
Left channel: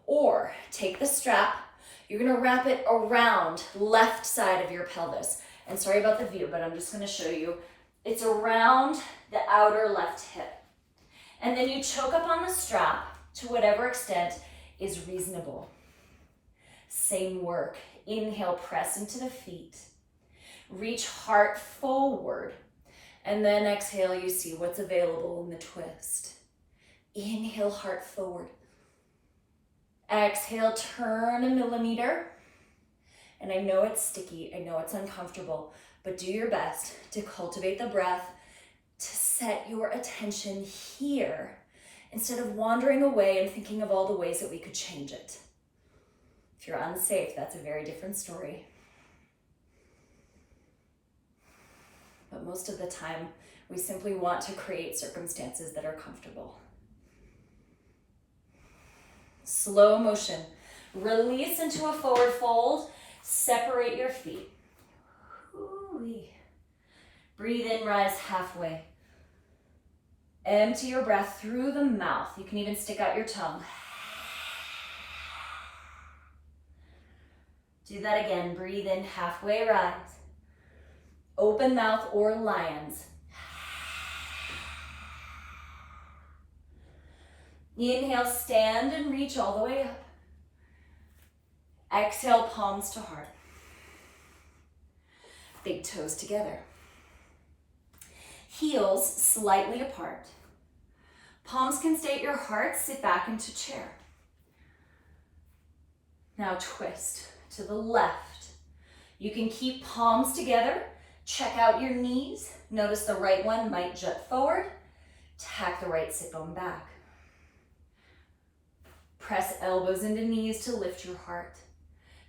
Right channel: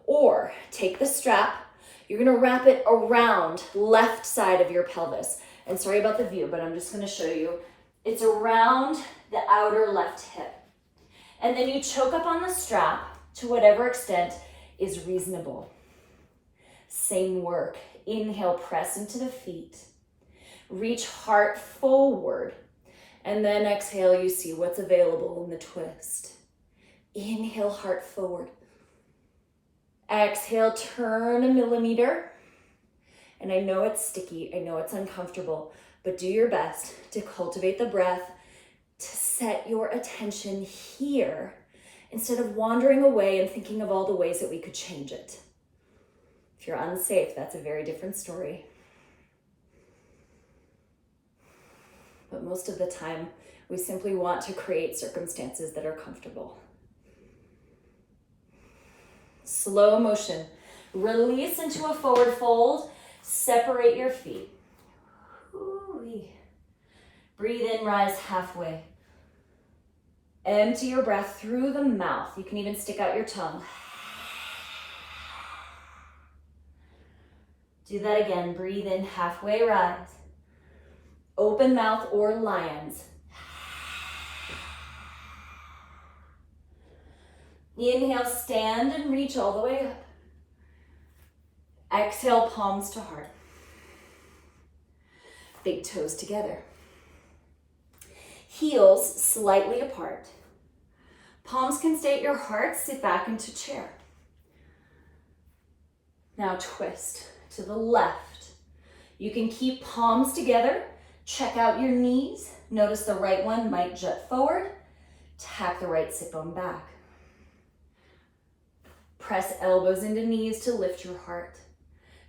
Or take the strap, you're gonna wrap it around left side of your pelvis. And sorry about the view, but I'm just gonna show you. It's around the outer left hip. And then you choke up on the strap to whatever extent is reasonable. Same work. Inhale, press into the feet. Reach heart forward. And then exhale, you see what's available in the twist. Inhale, heart forward. Exhale, turn 1 millimeter. And I know it's sticky, I know it's uncomfortable, but do your best to cultivate the breath, to set your attention here instead of wandering away and thinking of all the ways that we could change it. If you're unsafe, that's a very different story. But most of the time, we simply want to create circumstances that are comfortable. Slow motion. Release into a forward fold. Separate your feet. Ooh-wee. Breathe in, rise halfway. Empty your breath through the mouth. You can even stick out your tongue. Do that again. Breathe in, halfway rise. Open mouth or lions. Inhale, stand and reach all the way up. Exhale, palms to heart. Big toes together. Heels slightly apart. Palms can stay at your heart, sit back into chair. Now twist to the left. You can keep palms together. Check out your knees. Notice the right one might jut forward. Tack the right sit bone back. Press elbows into knees to lift your heart.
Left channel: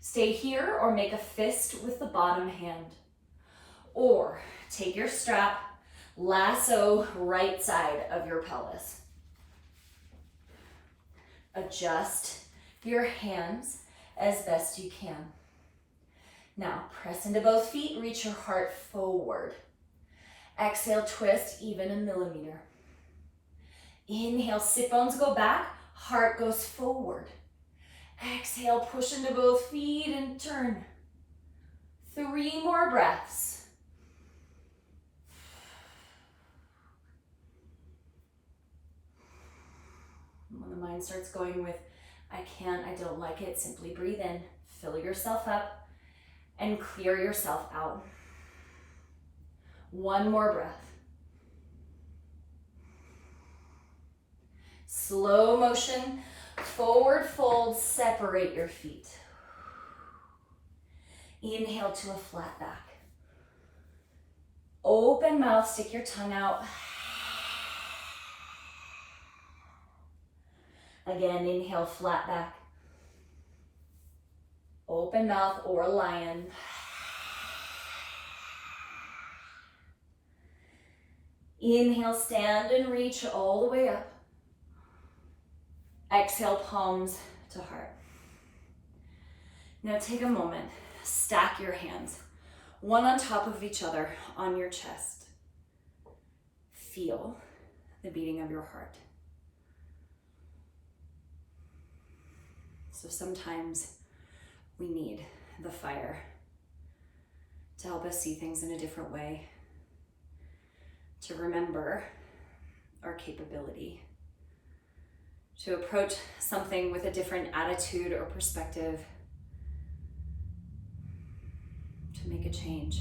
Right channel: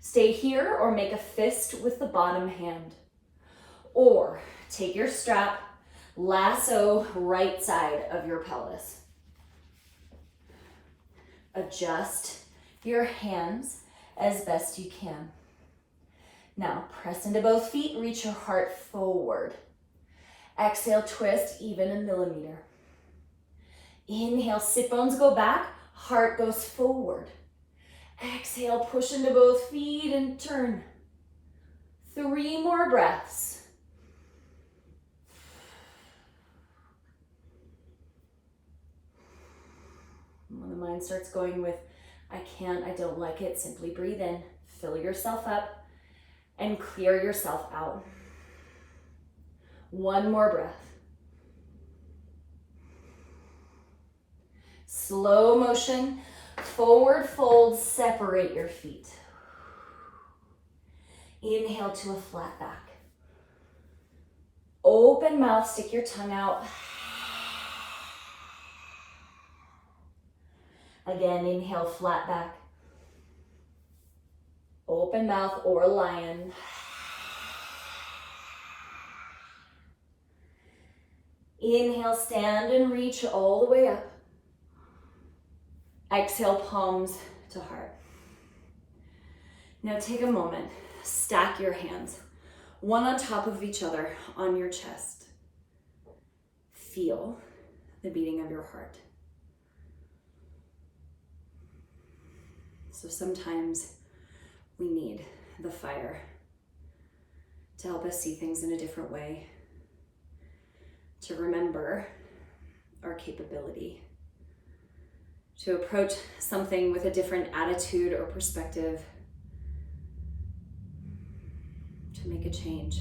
Stay here or make a fist with the bottom hand. Or take your strap, lasso right side of your pelvis. Adjust your hands as best you can. Now press into both feet, reach your heart forward. Exhale, twist even 1 millimeter. Inhale, sit bones go back, heart goes forward. Exhale, push into both feet and turn. 3 more breaths. When the mind starts going with, I can't, I don't like it, simply breathe in, fill yourself up, and clear yourself out. 1 more breath. Slow motion, forward fold, separate your feet. Inhale to a flat back. Open mouth, stick your tongue out. Again, inhale, flat back. Open mouth or lion. Inhale, stand and reach all the way up. Exhale, palms to heart. Now take a moment, stack your hands, one on top of each other on your chest. Feel the beating of your heart. So sometimes we need the fire to help us see things in a different way, to remember our capability, to approach something with a different attitude or perspective, to make a change.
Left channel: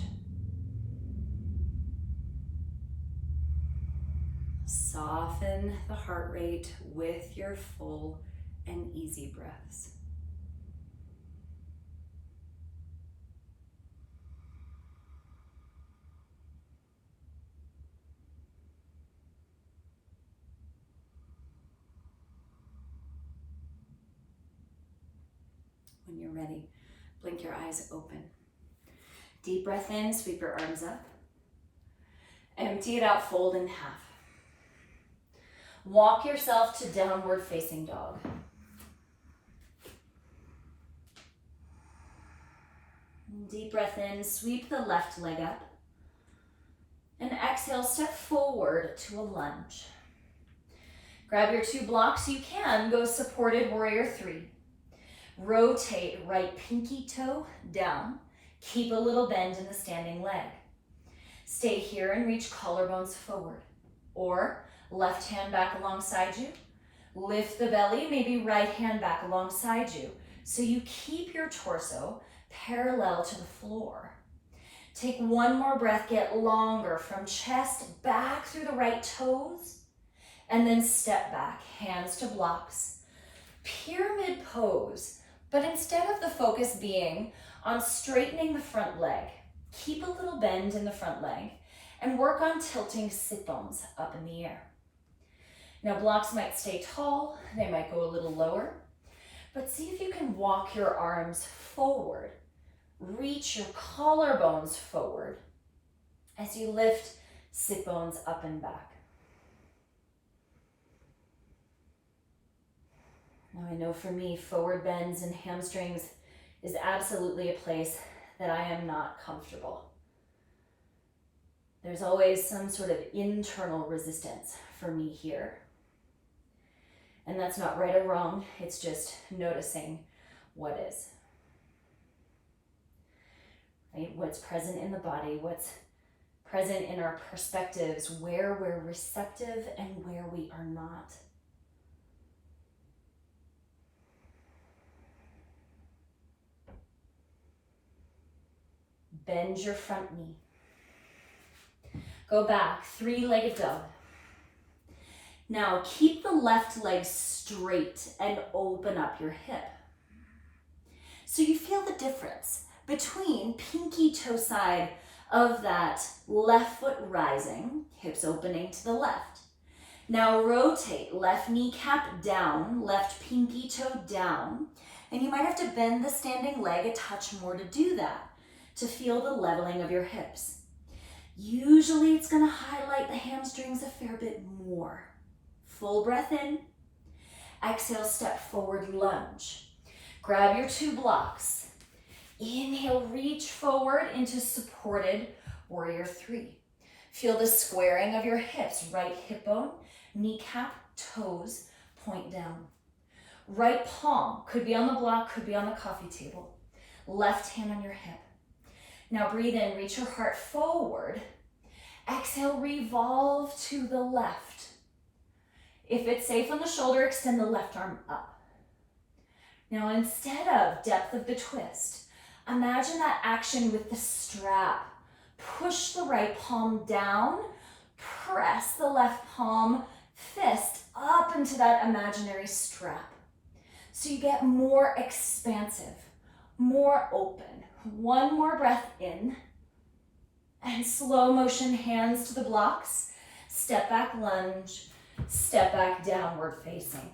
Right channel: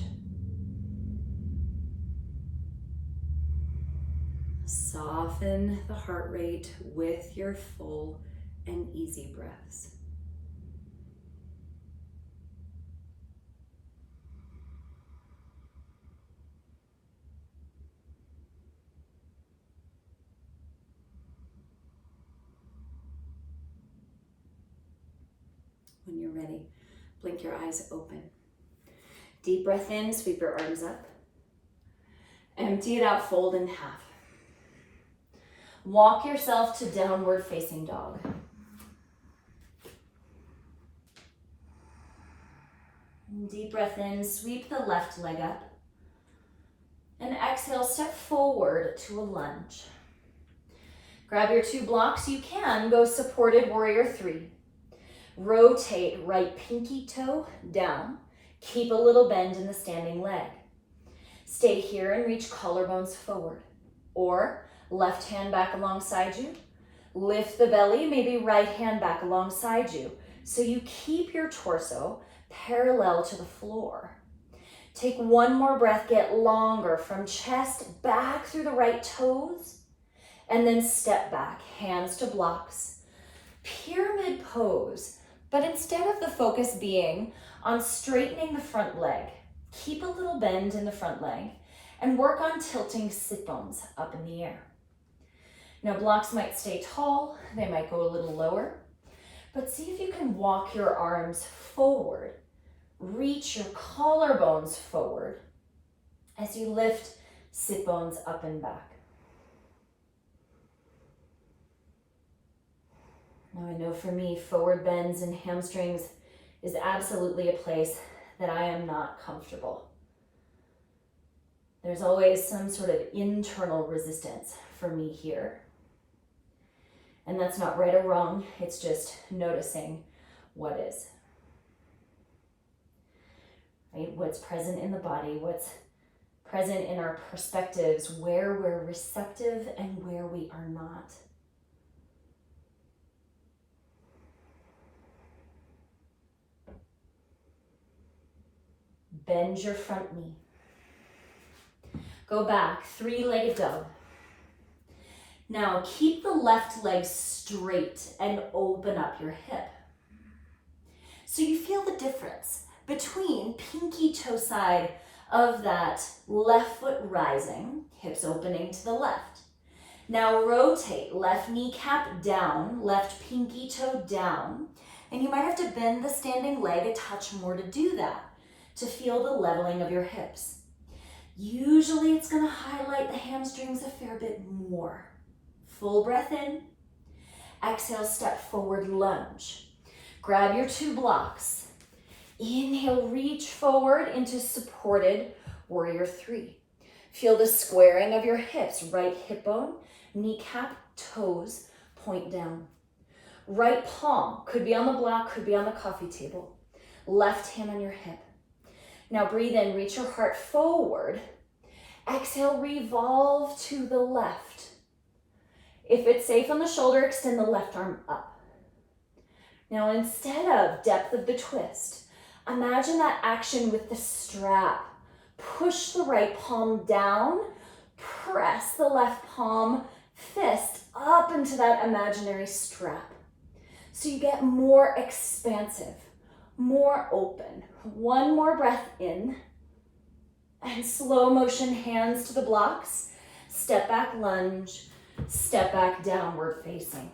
Soften the heart rate with your full and easy breaths. When you're ready, blink your eyes open. Deep breath in, sweep your arms up. Empty it out, fold in half. Walk yourself to downward facing dog. Deep breath in, sweep the left leg up. And exhale, step forward to a lunge. Grab your 2 blocks. You can go supported warrior 3. Rotate right pinky toe down. Keep a little bend in the standing leg. Stay here and reach collarbones forward. Or left hand back alongside you. Lift the belly, maybe right hand back alongside you. So you keep your torso parallel to the floor. Take 1 more breath, get longer from chest back through the right toes. And then step back, hands to blocks. Pyramid pose. But instead of the focus being on straightening the front leg, keep a little bend in the front leg and work on tilting sit bones up in the air. Now blocks might stay tall, they might go a little lower, but see if you can walk your arms forward, reach your collarbones forward as you lift sit bones up and back. Now I know for me, forward bends and hamstrings is absolutely a place that I am not comfortable. There's always some sort of internal resistance for me here. And that's not right or wrong, it's just noticing what is. Right? What's present in the body, what's present in our perspectives, where we're receptive and where we are not. Bend your front knee. Go back, 3-legged dog. Now keep the left leg straight and open up your hip. So you feel the difference between pinky toe side of that left foot rising, hips opening to the left. Now rotate, left kneecap down, left pinky toe down, and you might have to bend the standing leg a touch more to do that, to feel the leveling of your hips. Usually it's going to highlight the hamstrings a fair bit more. Full breath in. Exhale, step forward, lunge. Grab your 2 blocks. Inhale, reach forward into supported warrior 3. Feel the squaring of your hips, right hip bone, kneecap, toes, point down. Right palm could be on the block, could be on the coffee table. Left hand on your hip. Now breathe in, reach your heart forward. Exhale, revolve to the left. If it's safe on the shoulder, extend the left arm up. Now instead of depth of the twist, imagine that action with the strap. Push the right palm down, press the left palm, fist up into that imaginary strap. So you get more expansive, more open. One more breath in, and slow motion hands to the blocks. Step back lunge, step back downward facing.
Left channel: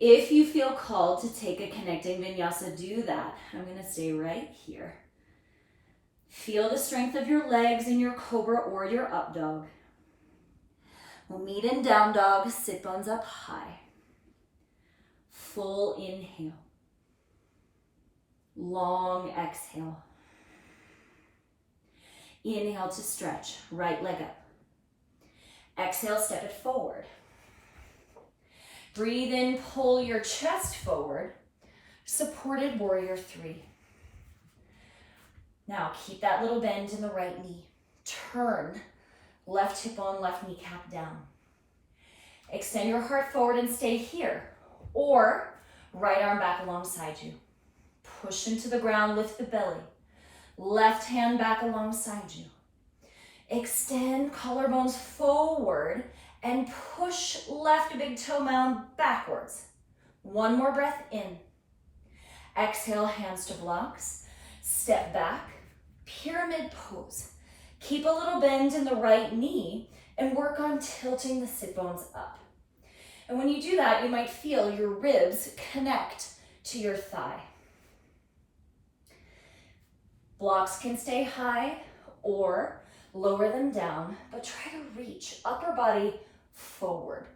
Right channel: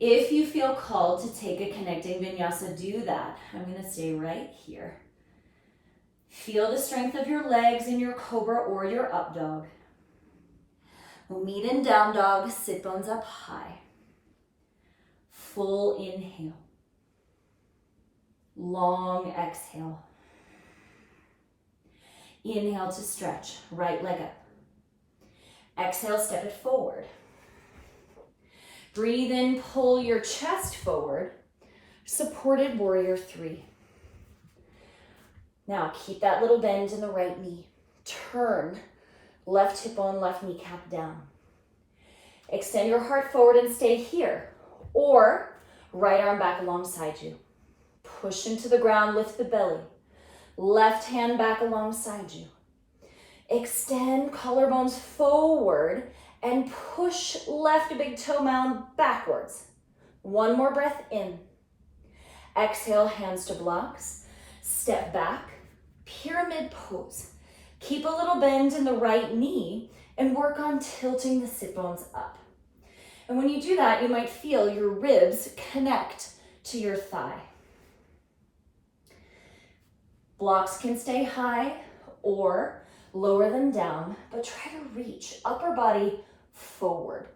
If you feel called to take a connecting vinyasa, do that. I'm gonna stay right here. Feel the strength of your legs in your cobra or your up dog. We'll meet in down dog, sit bones up high. Full inhale. Long exhale. Inhale to stretch, right leg up. Exhale, step it forward. Breathe in, pull your chest forward. Supported warrior 3. Now keep that little bend in the right knee. Turn, left hip on, left kneecap down. Extend your heart forward and stay here. Or right arm back alongside you. Push into the ground, lift the belly. Left hand back alongside you. Extend collarbones forward and push left big toe mound backwards. One more breath in. Exhale, hands to blocks. Step back, pyramid pose. Keep a little bend in the right knee and work on tilting the sit bones up. And when you do that, you might feel your ribs connect to your thigh. Blocks can stay high or lower them down, but try to reach upper body forward.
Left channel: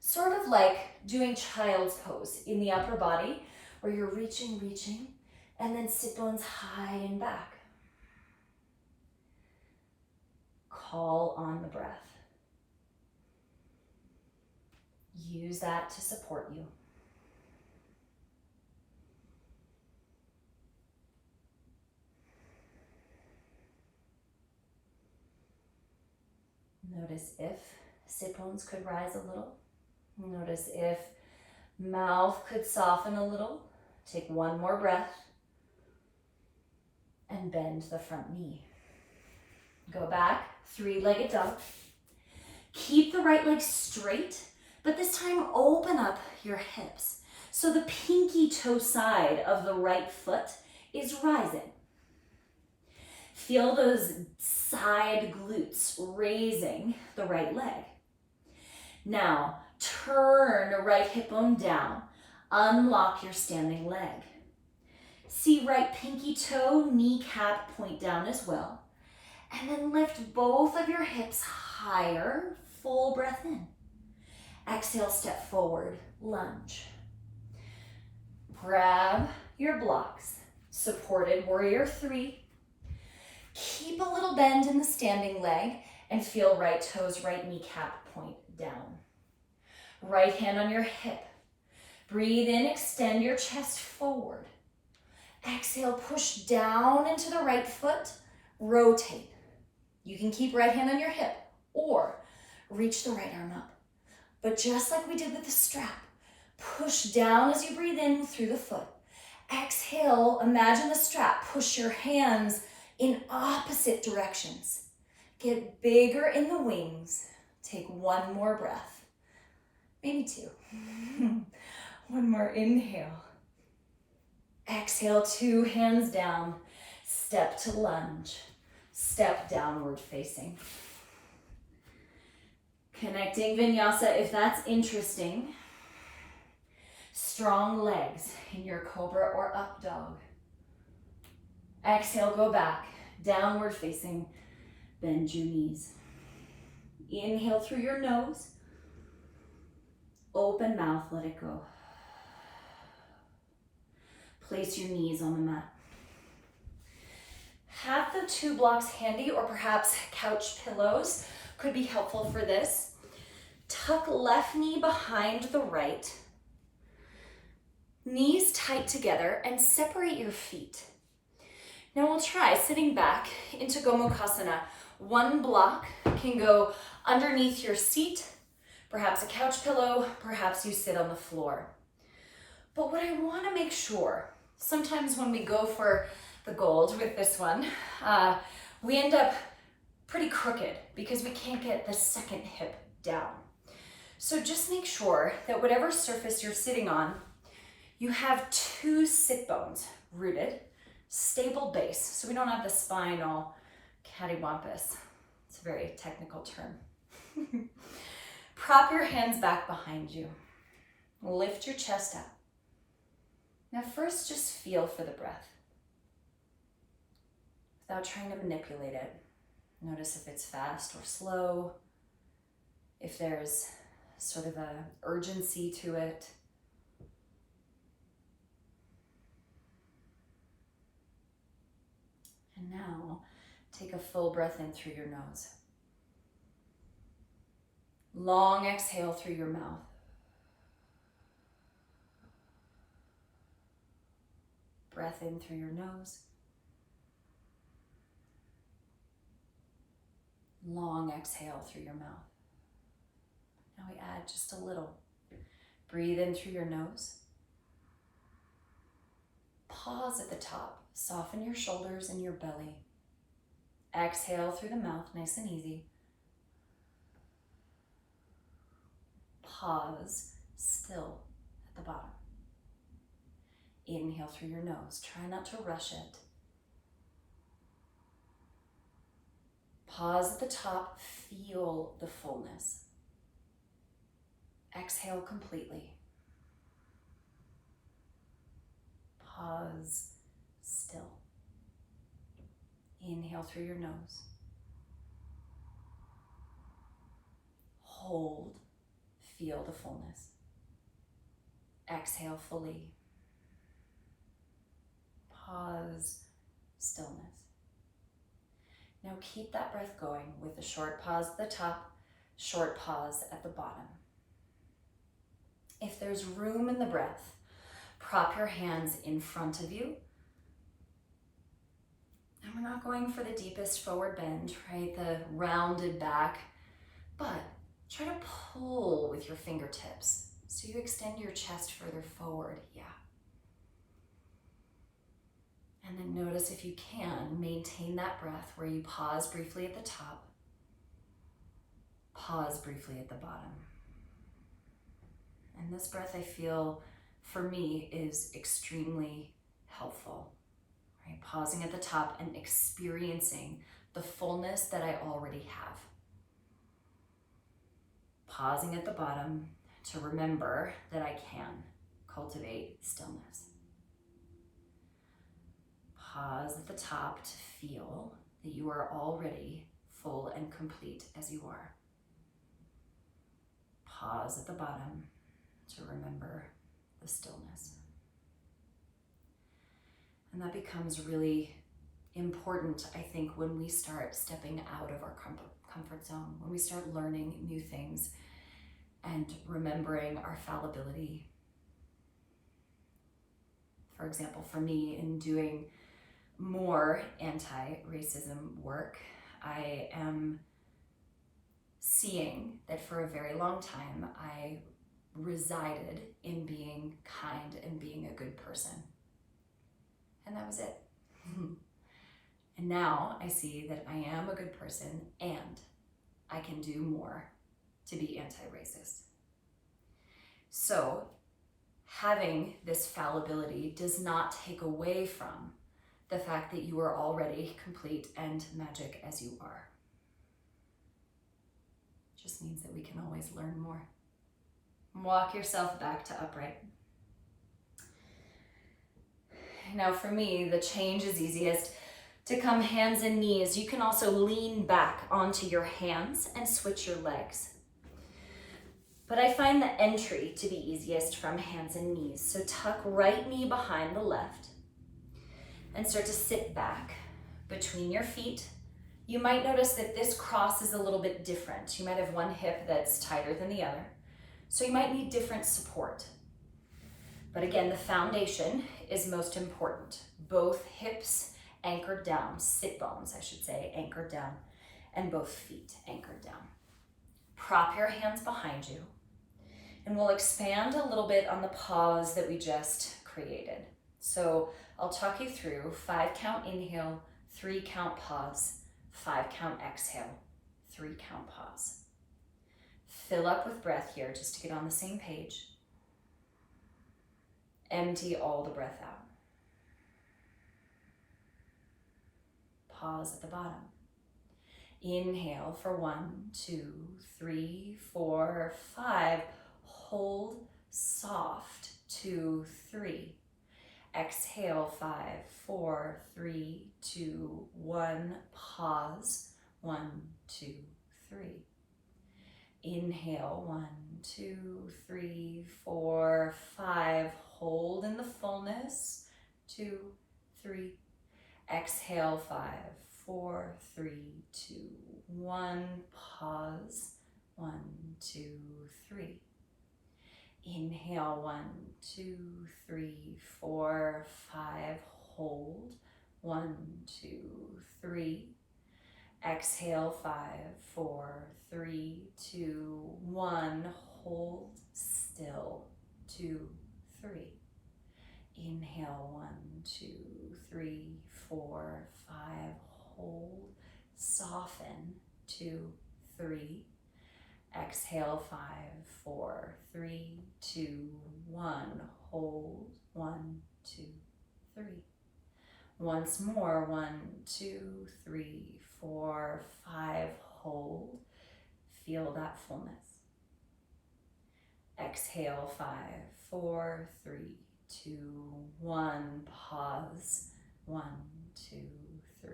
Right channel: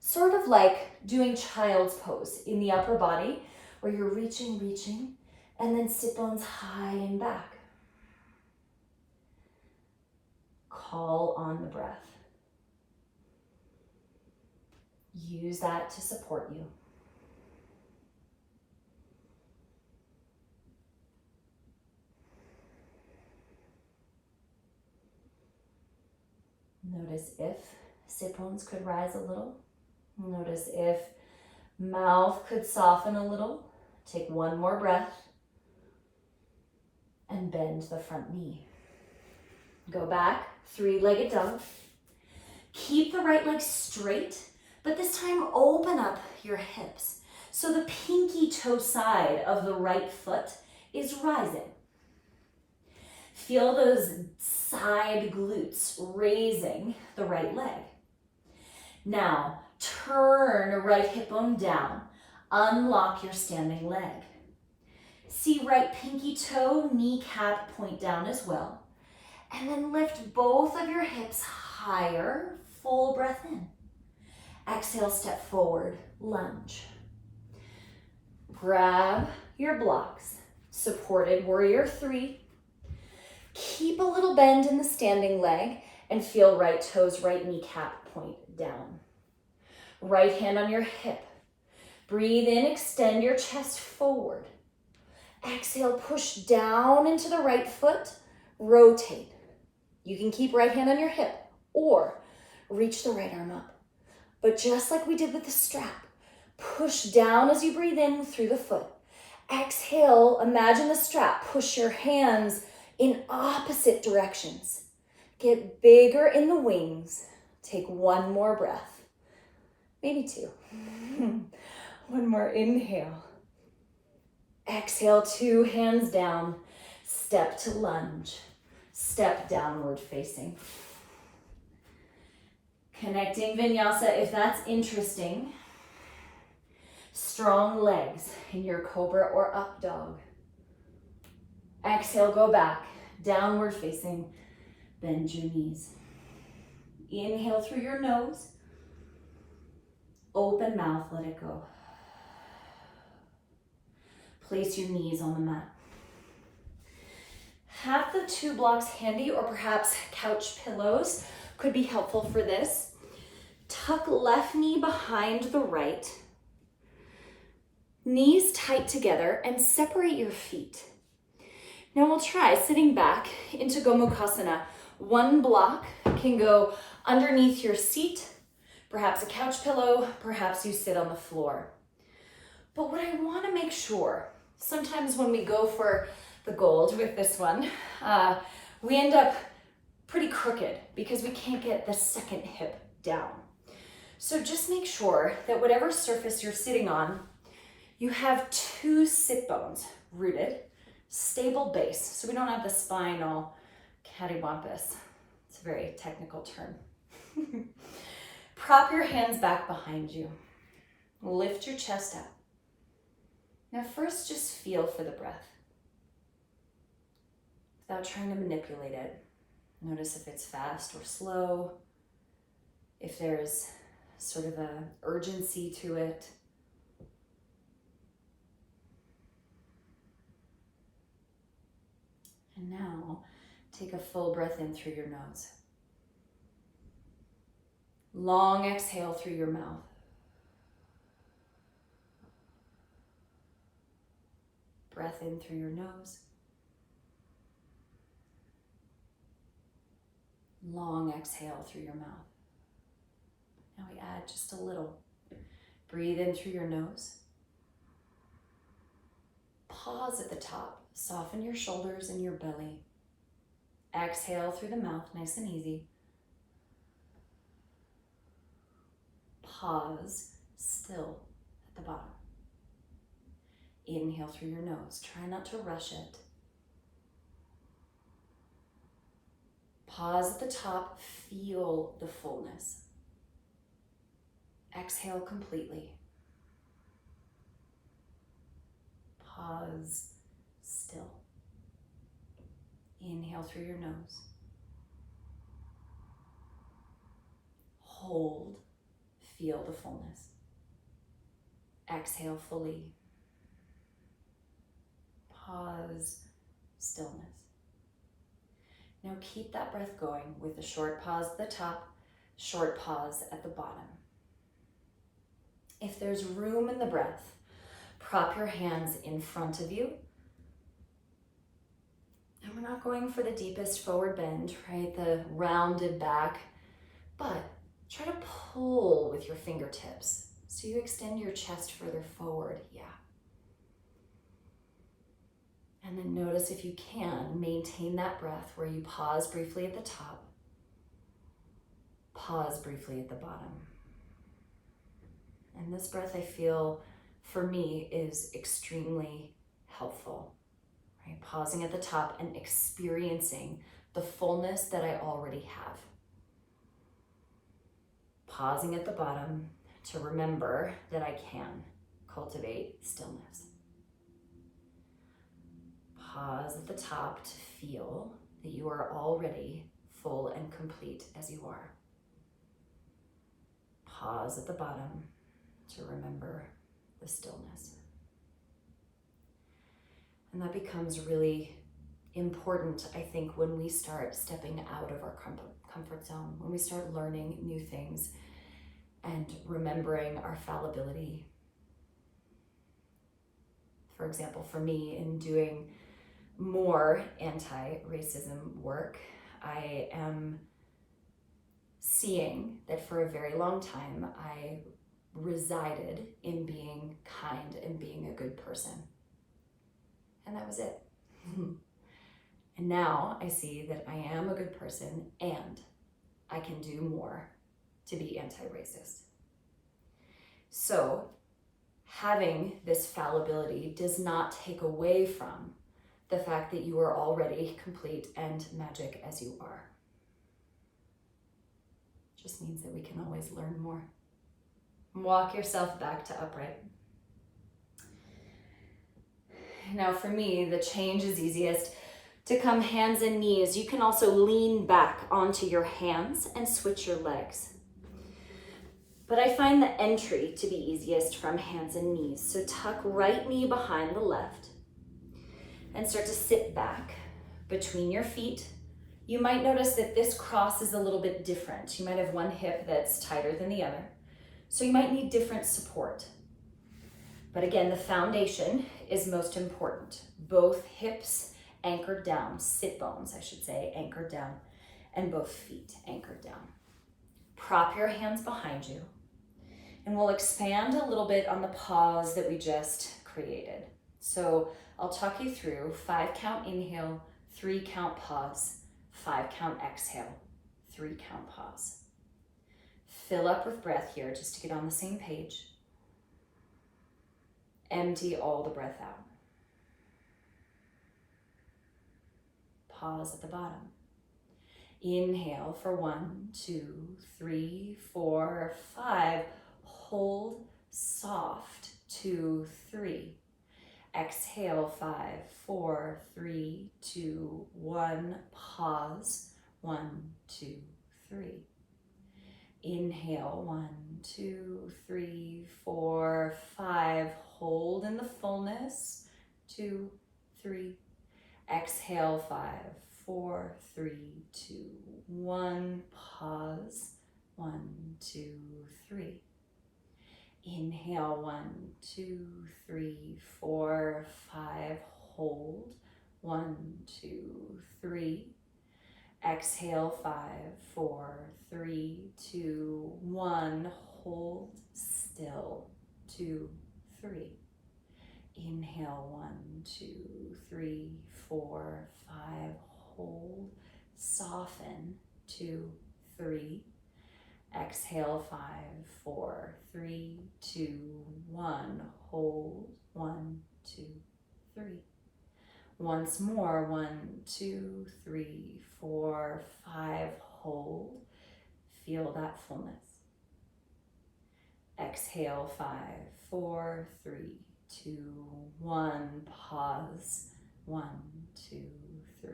Sort of like doing child's pose in the upper body, where you're reaching, and then sit bones high and back. Call on the breath. Use that to support you. Notice if sit bones could rise a little. Notice if mouth could soften a little. Take one more breath and bend the front knee. Go back, three-legged dog. Keep the right leg straight, but this time open up your hips. So the pinky toe side of the right foot is rising. Feel those side glutes raising the right leg. Now, turn a right hip bone down. Unlock your standing leg. See right pinky toe, kneecap point down as well. And then lift both of your hips higher. Full breath in. Exhale, step forward, lunge. Grab your blocks. Supported warrior 3. Keep a little bend in the standing leg and feel right toes, right kneecap point down. Right hand on your hip. Breathe in, extend your chest forward. Exhale, push down into the right foot, rotate. You can keep right hand on your hip or reach the right arm up. But just like we did with the strap, push down as you breathe in through the foot. Exhale, imagine the strap. Push your hands in opposite directions. Get bigger in the wings. Take one more breath. Maybe 2. One more inhale. Exhale, 2 hands down. Step to lunge. Step downward facing. Connecting vinyasa, if that's interesting. Strong legs in your cobra or up dog. Exhale, go back, downward facing, bend your knees. Inhale through your nose. Open mouth, let it go. Place your knees on the mat. Have the 2 blocks handy, or perhaps couch pillows could be helpful for this. Tuck left knee behind the right. Knees tight together and separate your feet. Now we'll try sitting back into Gomukhasana. One block can go underneath your seat, perhaps a couch pillow, perhaps you sit on the floor. But what I want to make sure, sometimes when we go for the gold with this one, we end up pretty crooked because we can't get the second hip down. So just make sure that whatever surface you're sitting on, you have two sit bones rooted, stable base, so we don't have the spine all cattywampus. It's a very technical term. Prop your hands back behind you. Lift your chest up. Now first, just feel for the breath without trying to manipulate it. Notice if it's fast or slow, if there's sort of a urgency to it. And now, take a full breath in through your nose. Long exhale through your mouth. Breath in through your nose. Long exhale through your mouth. Now we add just a little. Breathe in through your nose. Pause at the top. Soften your shoulders and your belly. Exhale through the mouth, nice and easy. Pause, still at the bottom. Inhale through your nose. Try not to rush it. Pause at the top. Feel the fullness. Exhale completely. Pause, still. Inhale through your nose. Hold, feel the fullness. Exhale fully. Pause, stillness. Now keep that breath going with a short pause at the top, short pause at the bottom. If there's room in the breath, prop your hands in front of you. And we're not going for the deepest forward bend, right? The rounded back, but try to pull with your fingertips so you extend your chest further forward, yeah. And then notice if you can, maintain that breath where you pause briefly at the top, pause briefly at the bottom. And this breath, I feel, for me, is extremely helpful, right? Pausing at the top and experiencing the fullness that I already have. Pausing at the bottom to remember that I can cultivate stillness. Pause at the top to feel that you are already full and complete as you are. Pause at the bottom to remember the stillness. And that becomes really important, I think, when we start stepping out of our comfort zone, when we start learning new things and remembering our fallibility. For example, for me, in doing more anti-racism work, I am seeing that for a very long time, I resided in being kind and being a good person. And that was it. And now I see that I am a good person and I can do more to be anti-racist. So having this fallibility does not take away from the fact that you are already complete and magic as you are. It just means that we can always learn more. Walk yourself back to upright. Now for me, the change is easiest to come hands and knees. You can also lean back onto your hands and switch your legs. But I find the entry to be easiest from hands and knees. So tuck right knee behind the left and start to sit back between your feet. You might notice that this cross is a little bit different. You might have one hip that's tighter than the other. So you might need different support. But again, the foundation is most important. Both hips anchored down, sit bones, I should say, anchored down, and both feet anchored down. Prop your hands behind you, and we'll expand a little bit on the pause that we just created. So I'll talk you through 5 count inhale, 3 count pause, 5 count exhale, 3 count pause. Fill up with breath here just to get on the same page. Empty all the breath out. Pause at the bottom. Inhale for 1, 2, 3, 4, 5. Hold soft, 2, 3. Exhale, 5, 4, 3, 2, 1. Pause, 1, 2, 3. Inhale, 1, 2, 3, 4, 5. Hold in the fullness, 2, 3. Exhale, 5, 4, 3, 2, 1. Pause, 1, 2, 3. Inhale, 1, 2, 3, 4, 5. Hold, 1, 2, 3. Exhale, 5, 4, 3, 2, 1. Hold still, 2, 3. Inhale, 1, 2, 3, 4, 5. Hold, soften, 2, 3. Exhale, 5, 4, 3, 2, 1. Hold, 1, 2, 3. Once more, 1, 2, 3, 4, 5. Hold, feel that fullness. Exhale, 5, 4, 3, 2, 1. Pause, 1, 2, 3.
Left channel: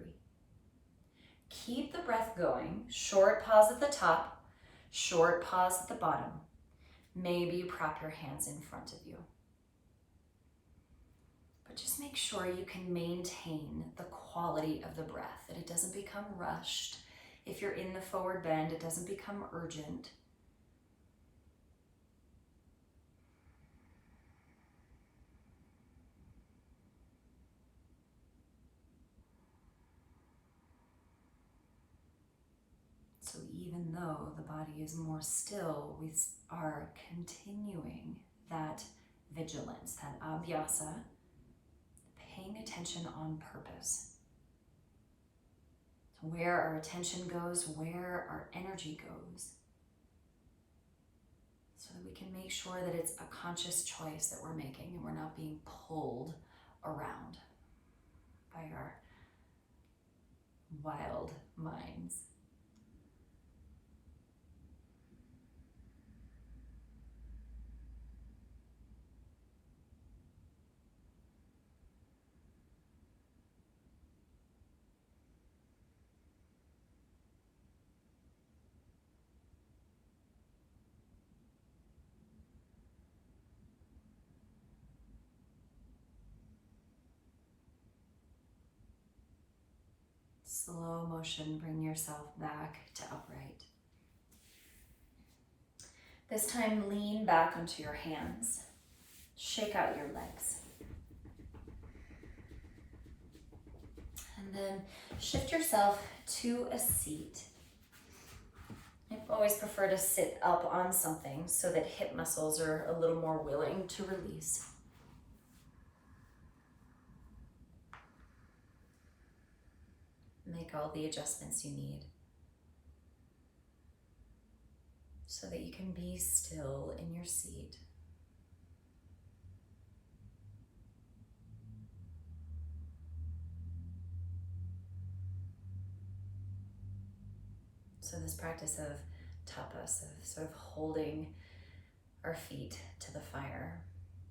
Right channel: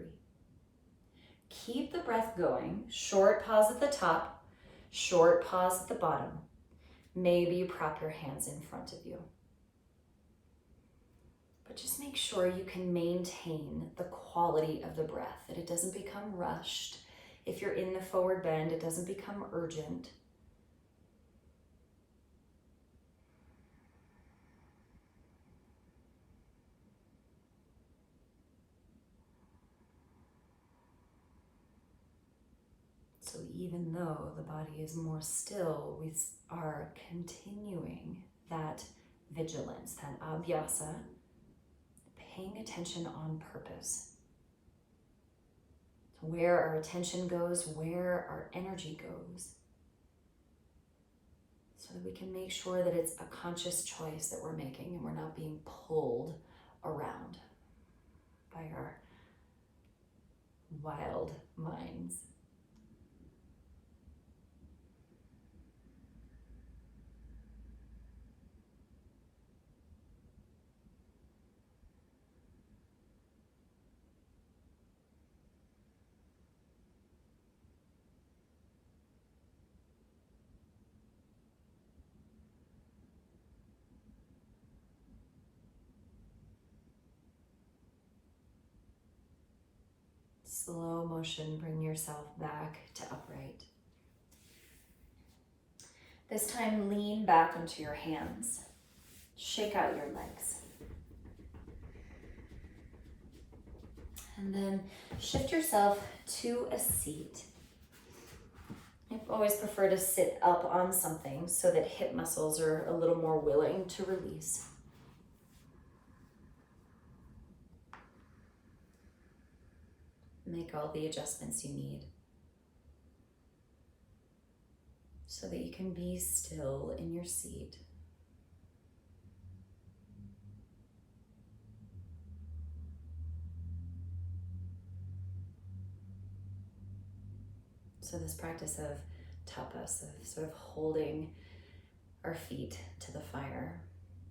Keep the breath going. Short pause at the top, short pause at the bottom. Maybe you prop your hands in front of you. But just make sure you can maintain the quality of the breath, that it doesn't become rushed. If you're in the forward bend, it doesn't become urgent. So even though the body is more still, we are continuing that vigilance, that abhyasa, paying attention on purpose. Where our attention goes, where our energy goes, so that we can make sure that it's a conscious choice that we're making and we're not being pulled around by our wild minds. Slow motion, bring yourself back to upright. This time, lean back onto your hands. Shake out your legs. And then shift yourself to a seat. I always prefer to sit up on something so that hip muscles are a little more willing to release. Make all the adjustments you need so that you can be still in your seat. So this practice of tapas, of sort of holding our feet to the fire,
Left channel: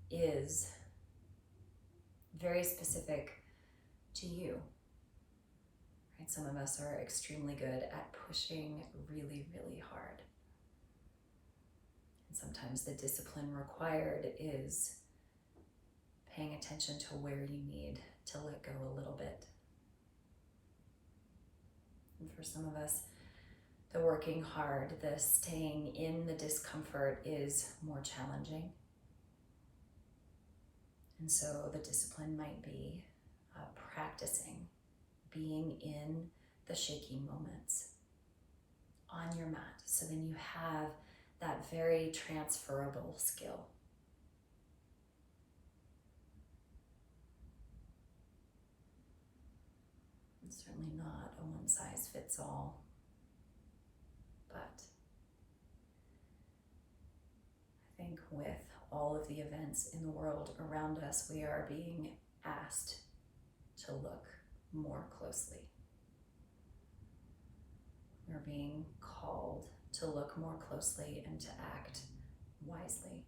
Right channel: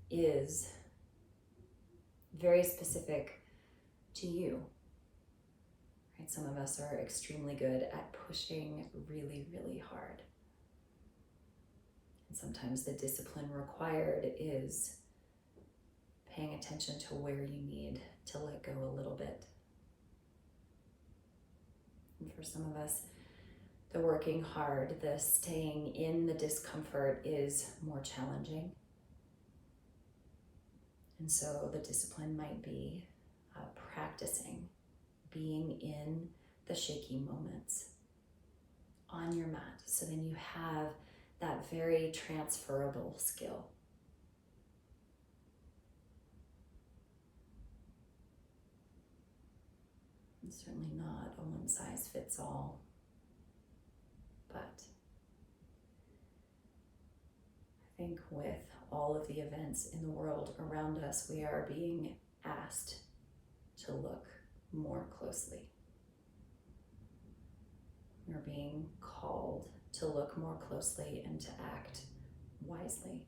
is very specific to you. Right? Some of us are extremely good at pushing really, really hard. And sometimes the discipline required is paying attention to where you need to let go a little bit. And for some of us, the working hard, the staying in the discomfort is more challenging. And so the discipline might be practicing being in the shaky moments on your mat. So then you have that very transferable skill. It's certainly not a one size fits all, but I think with all of the events in the world around us, we are being asked to look more closely. We're being called to look more closely and to act wisely.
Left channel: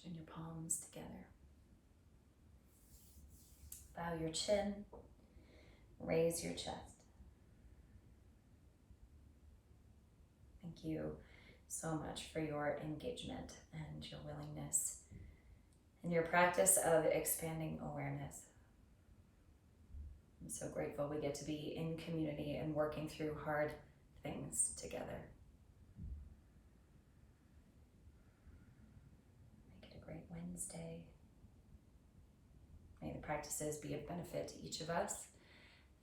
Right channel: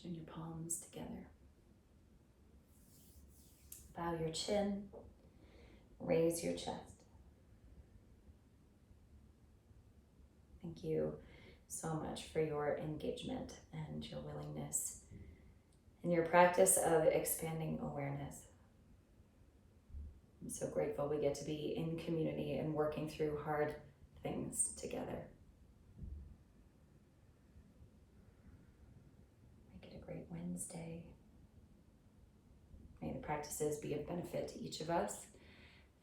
Join your palms together. Bow your chin, raise your chest. Thank you so much for your engagement and your willingness and your practice of expanding awareness. I'm so grateful we get to be in community and working through hard things together. Make it a great Wednesday. May the practices be of benefit to each of us,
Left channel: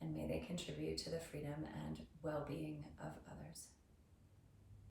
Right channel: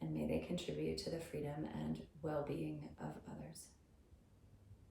and may they contribute to the freedom and well-being of others.